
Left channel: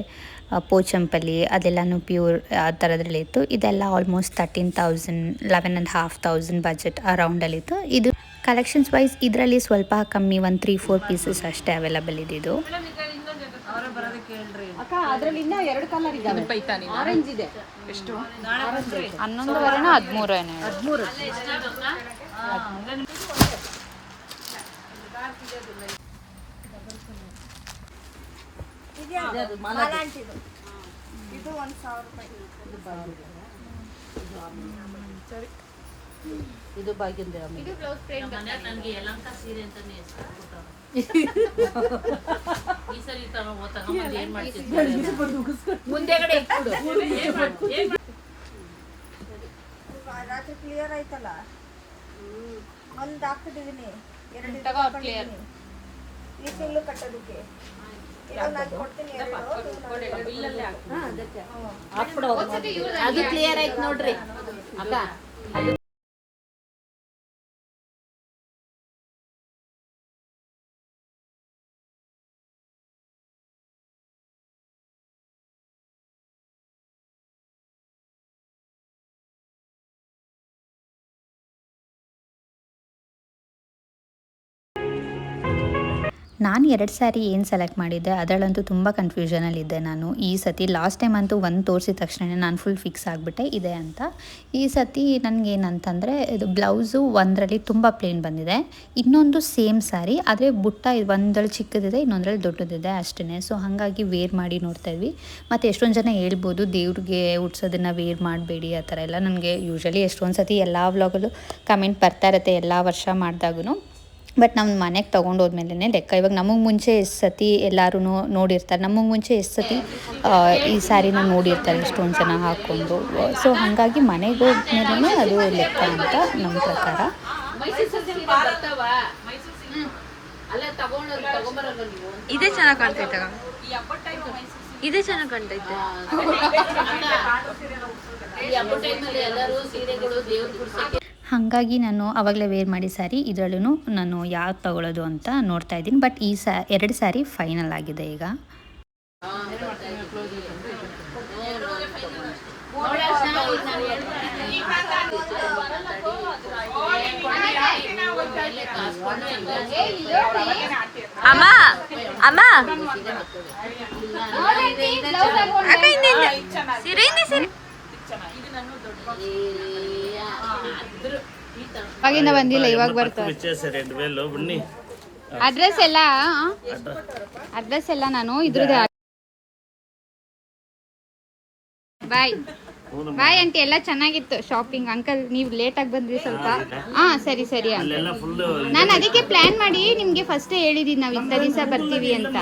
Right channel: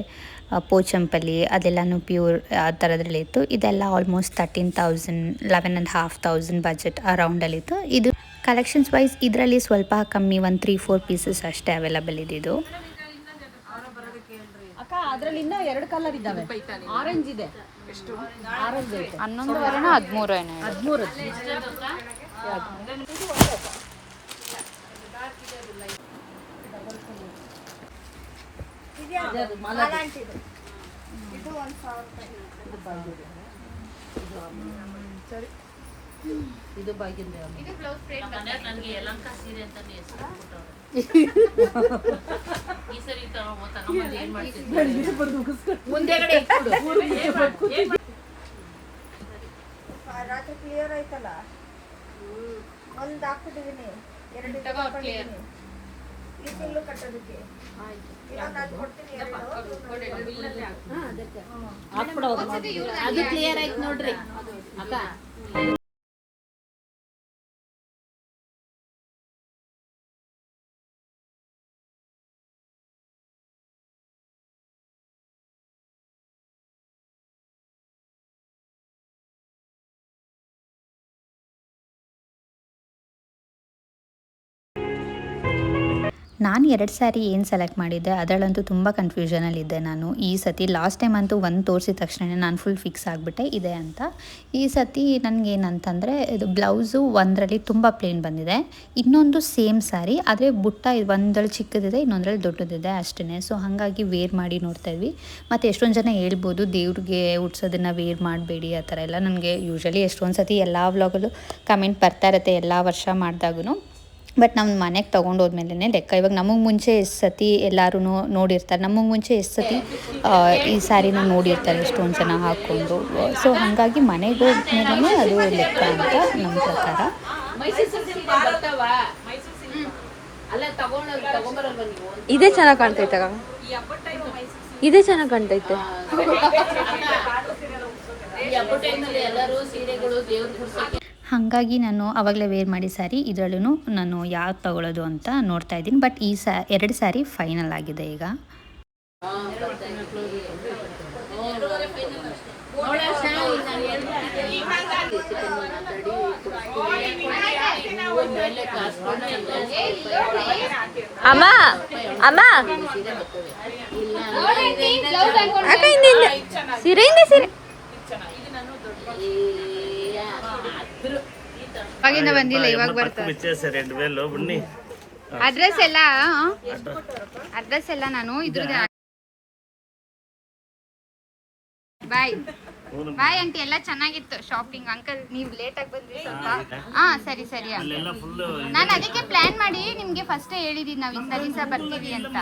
ಪೋಚಂಪಲ್ಲಿ ಅದೆಲ್ಲನೂ ಪ್ಯೂರ್ ಆ ಥರದ್ರಲ್ಲಿ ಇತ್ತು. ಇದೆಲ್ಲ ಆಲ್ಮೋಸ್ಟ್ 13,000 11,500 ಬಜೆಟ್ ಅರೌಂಡಲ್ಲಿತ್ತು. ಇದು ಕಲೆಕ್ಷನ್ಸ್ ವೈಸ್ ಇದರಲ್ಲಿ ಸ್ವಲ್ಪ ಕಮ್ಮಿ, ಒಂದು 3-4 ಪೀಸಸ್ ಅಷ್ಟೇ ಅವೈಲಬಲ್ ಇದ್ದಿದ್ದು. ಅಕ್ಕ ಅದ್ರಲ್ಲಿ ಇನ್ನೂ 2 ಕಲರ್ ಇದ್ದಾವೆ. ಆರೆಂಜ್ ಇದೆ. ಎಷ್ಟು? 11:30 13 ಏನೋ. 13. ಇದು ಮಾಲಾಂಟಿದು. ಇದು 1,000 ರೂಪಾಯಿ. ಸರಿ, ಇದು ಬಾಗಿಂದ ರಾತ್ರಿ ಕ್ಲಿಯರ್ ಆಯ್ತಲ್ಲ, ಒಂದು ಹಾಕ್ತಿದ್ದೀನಿ, 2 ಹಾಕೊಂಡಿದ್ದೀನಿ ಈ ತಿಂಗಳು ಕಟ್ಟೋದಕ್ಕೆ. ಅದು ಕ್ಲಿಯರ್ ಆಯ್ತು ನೋಡ್ರಿ ಅಕ್ಕ. ನಾನು 2 ಸ್ಯಾರಿ ಏನು ಸೆಲೆಕ್ಟ್ ಮಾಡಿದ್ದೆ ಅದರಲ್ಲಂತೂ ತುಂಬ ಕನ್ಫ್ಯೂಷನಲ್ಲಿದ್ದೆ ನಾನು. ಈ ಸತಿ ಲಾಸ್ಟ್ ಟೈಮ್ ಅಂತೂ ಒಂದು ತೋರಿಸಿದ ತಕ್ಷಣ ನಾನು ಫುಲ್ ಫಿಕ್ಸ್ ಆಗಿಬಿಟ್ಟೆ ಇದೆ ಅಂತ. ಈ ಸತಿ ನನಗೇನಂತಂದರೆ ಇದು ಬ್ಲೌಸು ಒಂದರಲ್ಲಿ ತುಂಬ ಪ್ಲೇನ್ ಬಂದಿದೆ, ಇನ್ನೊಂದು ಸೇಮ್ ಸ್ಯಾರಿ ಆದರೆ ಬುಟ್ಟ ಒಂದರಲ್ಲಿ ಚಿಕ್ಕದಿದೆ, ಇನ್ನೊಂದರಲ್ಲಿ ದೊಡ್ಡದಿದೆ ಅಷ್ಟೇ. ಸೊ ಹಾಗಾಗಿ ವೇರ್ ಮಾಡಿ ನೋಡ್ತಾ ಇದ್ವಿ. ಮತ್ತು ಎಷ್ಟೊಂದು ಜನ ಹೇಳ್ಬೋದು ದೇವ್ರಿಗೆ ಉಡ್ಸೋದನ್ನು ವೇರ್ ಮಾಡಬೇಡಿ ಆ ಥರ ಎಲ್ಲ. ನನಗೆ ಯೂಶ್ವಲಿ ಎಷ್ಟೊಂದು ಸತಿ ಎಲ್ಲ ವ್ಲಾಗಲ್ಲೂ ಕಮೆಂಟ್ ಬರ್ತಾ ಇರುತ್ತೆ ಎಲ್ಲ ವರ್ಷ ಮಾಡಿದಾಗೂ. ಬಟ್ ನಮ್ಮ ಮನೆಗೆ ತೊಗೊಂಡೋದ್ಮೇಲೆ ಲೆಕ್ಕ. ಇವಾಗ ನಮಗೆ ಮುಂಚೆ ಎಷ್ಟು ಸತಿ ಎಲ್ಲರೂ ನೋಡಿರ್ತಾರೆ, ನಮಗೆ ಮುಂಚೆ ಎಷ್ಟು ಸತಿ ಈ ಸ್ಯಾರಿನ ನೋಡಿರ್ತಾರೆ ಎಷ್ಟೊಂದು ಜನ ಹಾಕ್ಕೊಂಡು. ಸೊ ಹಾಗಾಗಿ ಮನೆಗೆ ಹೋದ್ಮೇಲೆ ಅದು ಲೆಕ್ಕ ಅಂತ ನಮ್ಮ ಪ್ರಕಾರ. ಇದೇ ಚೆನ್ನಾಗಿ ಕಾಣ್ತೈತೆ, ಇದೇ ಚೆನ್ನಾಗಿ ಕಾಣ್ತೈತೆ. ಹಾಗಾಗಿ ನಾನು ಆವಾಗಲೇ ವೇರ್ ಮಾಡಿ ಸ್ಯಾರಿ ಇದರಲ್ಲೂ ನಾನು ಯಾವ್ದು ತೊಗೊಳ್ಳೋದು ಅಂತ ನೋಡ್ತಾ ಇದ್ದೀನಿ. ಬಟ್ ಈ 2 ಸ್ಯಾರಿ ಫೈನಲ್ ಆಗಿದೆ ಈಗ. ಅಮ್ಮ ಅಮ್ಮ ಸೀರೆ ಸೀರೆ ಅವಾಗಿಂದ ಬಂದಿಲ್ಲ, ಇವಾಗ ಬರ್ತಾರೆ. ಅಡ್ರೆಸ್ ಎಲ್ಲ ನಾನು ಇದ್ರದ್ದು. ಬಾಯ್ ಬಾಯ್ ಆಂಟಿ, ಎಲ್ಲ ಚೆನ್ನಾಗಿತ್ತು ಶಾಪಿಂಗ್. ಅಂಕಲ್ ನೀವು ಲೇಟ್ ಆಗಿ ಬಂದ್ರಿ ಸ್ವಲ್ಪ. ಸರಿ ಸರಿ. ನಾನು ಅದಕ್ಕೆ ಪ್ಲಾನ್ ಮಾಡಿ ನಿಮ್ಗೆ ಫಸ್ಟ್ ಹೇಳಿದೀನಿ ನಾವು ಇಂಥ ದಿವಸ ಬರ್ತೀವಿ ಅಂತ.